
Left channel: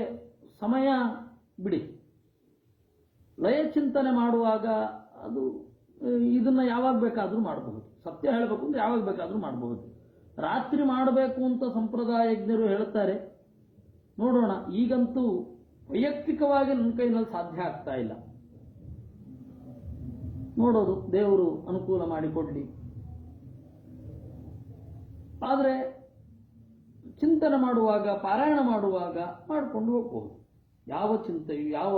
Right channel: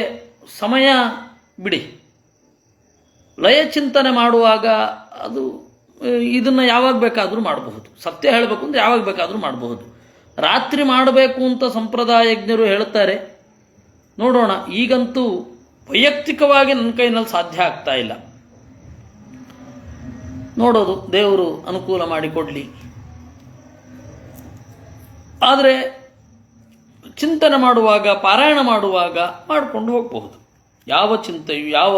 ಸಮಯ ಬಿಡಿ. ಲಯ ಚಿಂತನೆ ಮಾಡುವಾಗ ಅದು ಇದನ್ನು ಯಾವಾಗ ಬೇಕಾದರೂ ಮಾಡಬಹುದು. ಸತ್ಯ ಹೇಳಬೇಕು ಅಂದರೆ ಯಾವಾಗ ಬೇಕಾದರೂ ಮಾಡಬಹುದು. ರಾತ್ರಿ ಮಾಡಬೇಕು ಅಂತ ಸಂಪ್ರದಾಯಜ್ಞರು ಹೇಳ್ತಾರೆ. ನೋಡೋಣ. ಈಗಂತೂ ವೈಯಕ್ತಿಕವಾಗಿ ನನ್ನ ಕೈನಲ್ಲಿ ಸಾಧ್ಯ ಆಗ್ತಾ ಇಲ್ಲ. ನೋಡೋದು, ದೇವರು ಅನುಕೂಲ ಮಾಡಿಕೊಡಲಿ. ಆದರೆ ಚಿಂತನೆ ಮಾಡುವಾಗ, ಪಾರಾಯಣ ಮಾಡುವಾಗ ಮಾಡಿಕೊಂಡು ಹೋಗಬಹುದು. ಯಾವ ಚಿಂತೆಯು ಯಾವ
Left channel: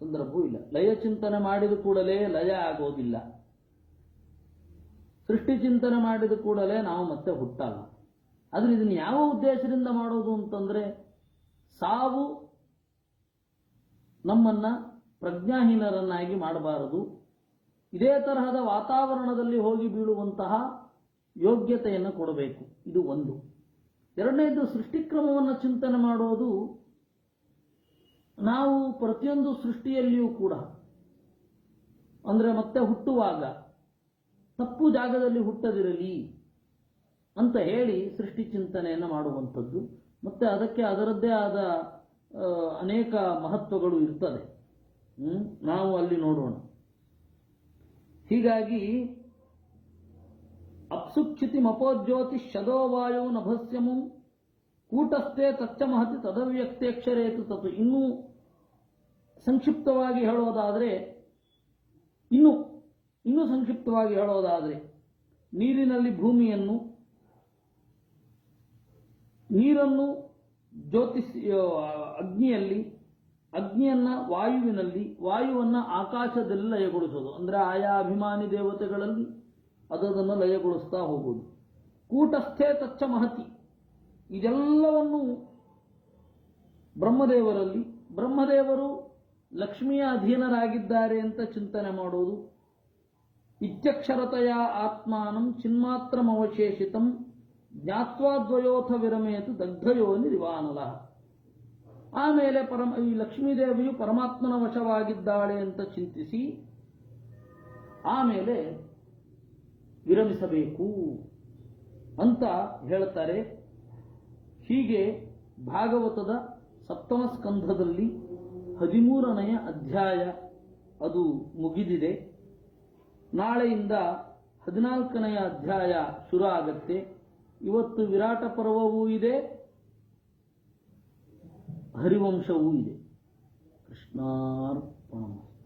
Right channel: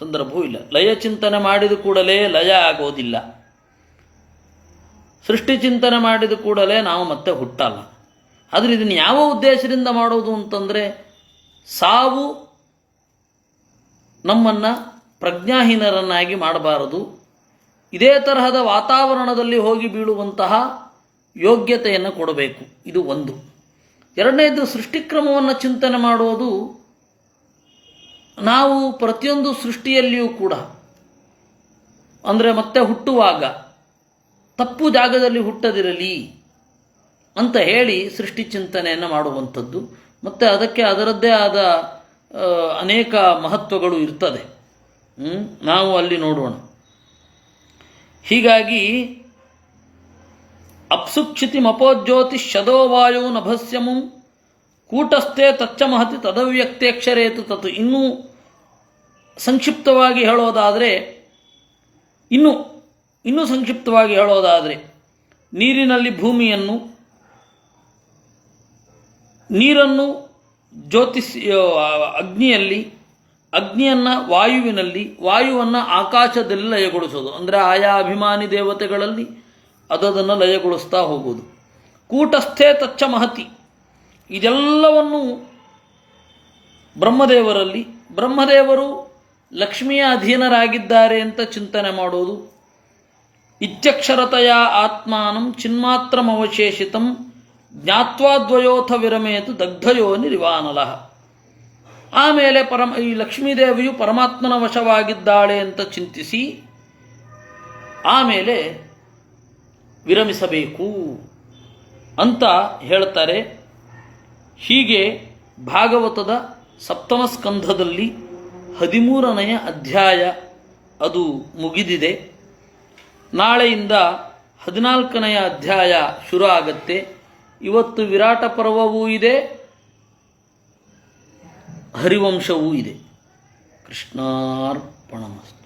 ಸಂದರ್ಭವೂ ಇಲ್ಲ. ಲಯ ಚಿಂತನೆ ಮಾಡಿದ ಕೂಡಲೇ ಲಯ ಆಗೋದಿಲ್ಲ. ಸೃಷ್ಟಿ ಚಿಂತನೆ ಮಾಡಿದ ಕೂಡಲೇ ನಾವು ಮತ್ತೆ ಹುಟ್ಟಲ್ಲ. ಆದರೆ ಇದನ್ನು ಯಾವ ಉದ್ದೇಶದಿಂದ ಮಾಡೋದು ಅಂತಂದರೆ, ಸಾವು ನಮ್ಮನ್ನು ಪ್ರಜ್ಞಾಹೀನರನ್ನಾಗಿ ಮಾಡಬಾರದು. ಇದೇ ತರಹದ ವಾತಾವರಣದಲ್ಲಿ ಹೋಗಿ ಬೀಳುವಂತಹ ಯೋಗ್ಯತೆಯನ್ನು ಕೊಡಬೇಕು. ಇದು ಒಂದು. ಎರಡನೇದು, ಸೃಷ್ಟಿಕ್ರಮವನ್ನು ಚಿಂತನೆ ಮಾಡೋದು. ನಾವು ಪ್ರತಿಯೊಂದು ಸೃಷ್ಟಿಯಲ್ಲಿಯೂ ಕೂಡ ಅಂದರೆ ಮತ್ತೆ ಹುಟ್ಟುವಾಗ ತಪ್ಪು ಜಾಗದಲ್ಲಿ ಹುಟ್ಟದಿರಲಿ ಅಂತ ಹೇಳಿ ಸೃಷ್ಟಿ ಚಿಂತನೆಯನ್ನು ಮಾಡುವಂಥದ್ದು. ಮತ್ತು ಅದಕ್ಕೆ ಅದರದ್ದೇ ಆದ ಅನೇಕ ಮಹತ್ವಗಳು ಇರ್ತದೆ. ನಾವು ಅಲ್ಲಿ ನೋಡೋಣ. ಹೀಗಾಗಿ ಅಪ್ಸುಕ್ಷಿತಿ ಮಪೋಜ್ಯೋತಿ ಶದೋ ವಾಯೋ ನಭಸ್ಯಮು ಕೂಟಸ್ಥೆ ತಚ್ಚ ಮಹತಿ ತದವ್ಯಕ್ತೇಕ್ಷರೇತು ತತ್. ಇನ್ನೂ ಸಂಕ್ಷಿಪ್ತವಾಗಿ ಹೇಳೋದಾದರೆ, ಇನ್ನೂ ಸಂಕ್ಷಿಪ್ತವಾಗಿ ಹೇಳೋದಾದರೆ, ನೀರಿನಲ್ಲಿ ಭೂಮಿಯನ್ನು, ನೀರನ್ನು ಅಗ್ನಿಯಲ್ಲಿ, ಅಗ್ನಿಯನ್ನು ವಾಯುವಿನಲ್ಲಿ, ವಾಯುವನ್ನು ಆಕಾಶದಲ್ಲಿ ಲಯಗೊಳಿಸೋದು. ಅಂದರೆ ಆಯಾ ಅಭಿಮಾನಿ ದೇವತೆಗಳಲ್ಲಿ ಅದನ್ನು ಲಯಗೊಳಿಸ್ತಾ ಹೋಗೋದು. ಕೂಟಸ್ಥೆ ತಚ್ಚ ಮಹತಿ, ಇದೆಲ್ಲವನ್ನು ಬ್ರಹ್ಮದೇವರಲ್ಲಿ, ಬ್ರಹ್ಮದೇವರು ಲಕ್ಷ್ಮಿಯ ಅಧೀನರಾಗಿದ್ದಾರೆ ಅಂತ ಚಿಂತನೆ ಮಾಡೋದು. ಇತ್ಯಕ್ಷರತೆಯ ಆತ್ಮಾನಂ ಚಿನ್ಮಾತ್ರಮವಶೇಷಿತಂ ಜ್ಞಾತ್ವಾದ್ವಯೋಥ ವಿರಮೇತು ದಗ್ಧಯೋ ನಿರಿವಾನಲಃ. ಆಮೇಲೆ ಈ ಲಕ್ಷ್ಮೀದೇವಿಯು ಪರಮಾತ್ಮನ ವಶವಾಗಿದ್ದಾಳೆ ಅಂತ ಚಿಂತಿಸಿ ಆಮೇಲೆ ವಿರಮಿಸಬೇಕು ಅಂತ ಹೇಳ್ತಾರೆ. ಹೀಗೆ ಭಾಗವತದ ಸಪ್ತಮ ಸ್ಕಂಧದಲ್ಲಿ 13ನೆಯ ಅಧ್ಯಾಯ ಅದು ಮುಗಿದಿದೆ. ನಾಳೆಯಿಂದ 14ನೆಯ ಅಧ್ಯಾಯ ಶುರು ಆಗತ್ತೆ. ಇವತ್ತು ವಿರಾಟ ಪರ್ವವೂ ಇದೆ, ಹರಿವಂಶವೂ ಇದೆ. ಕೃಷ್ಣಾರ್ಪಣಮಸ್ತು.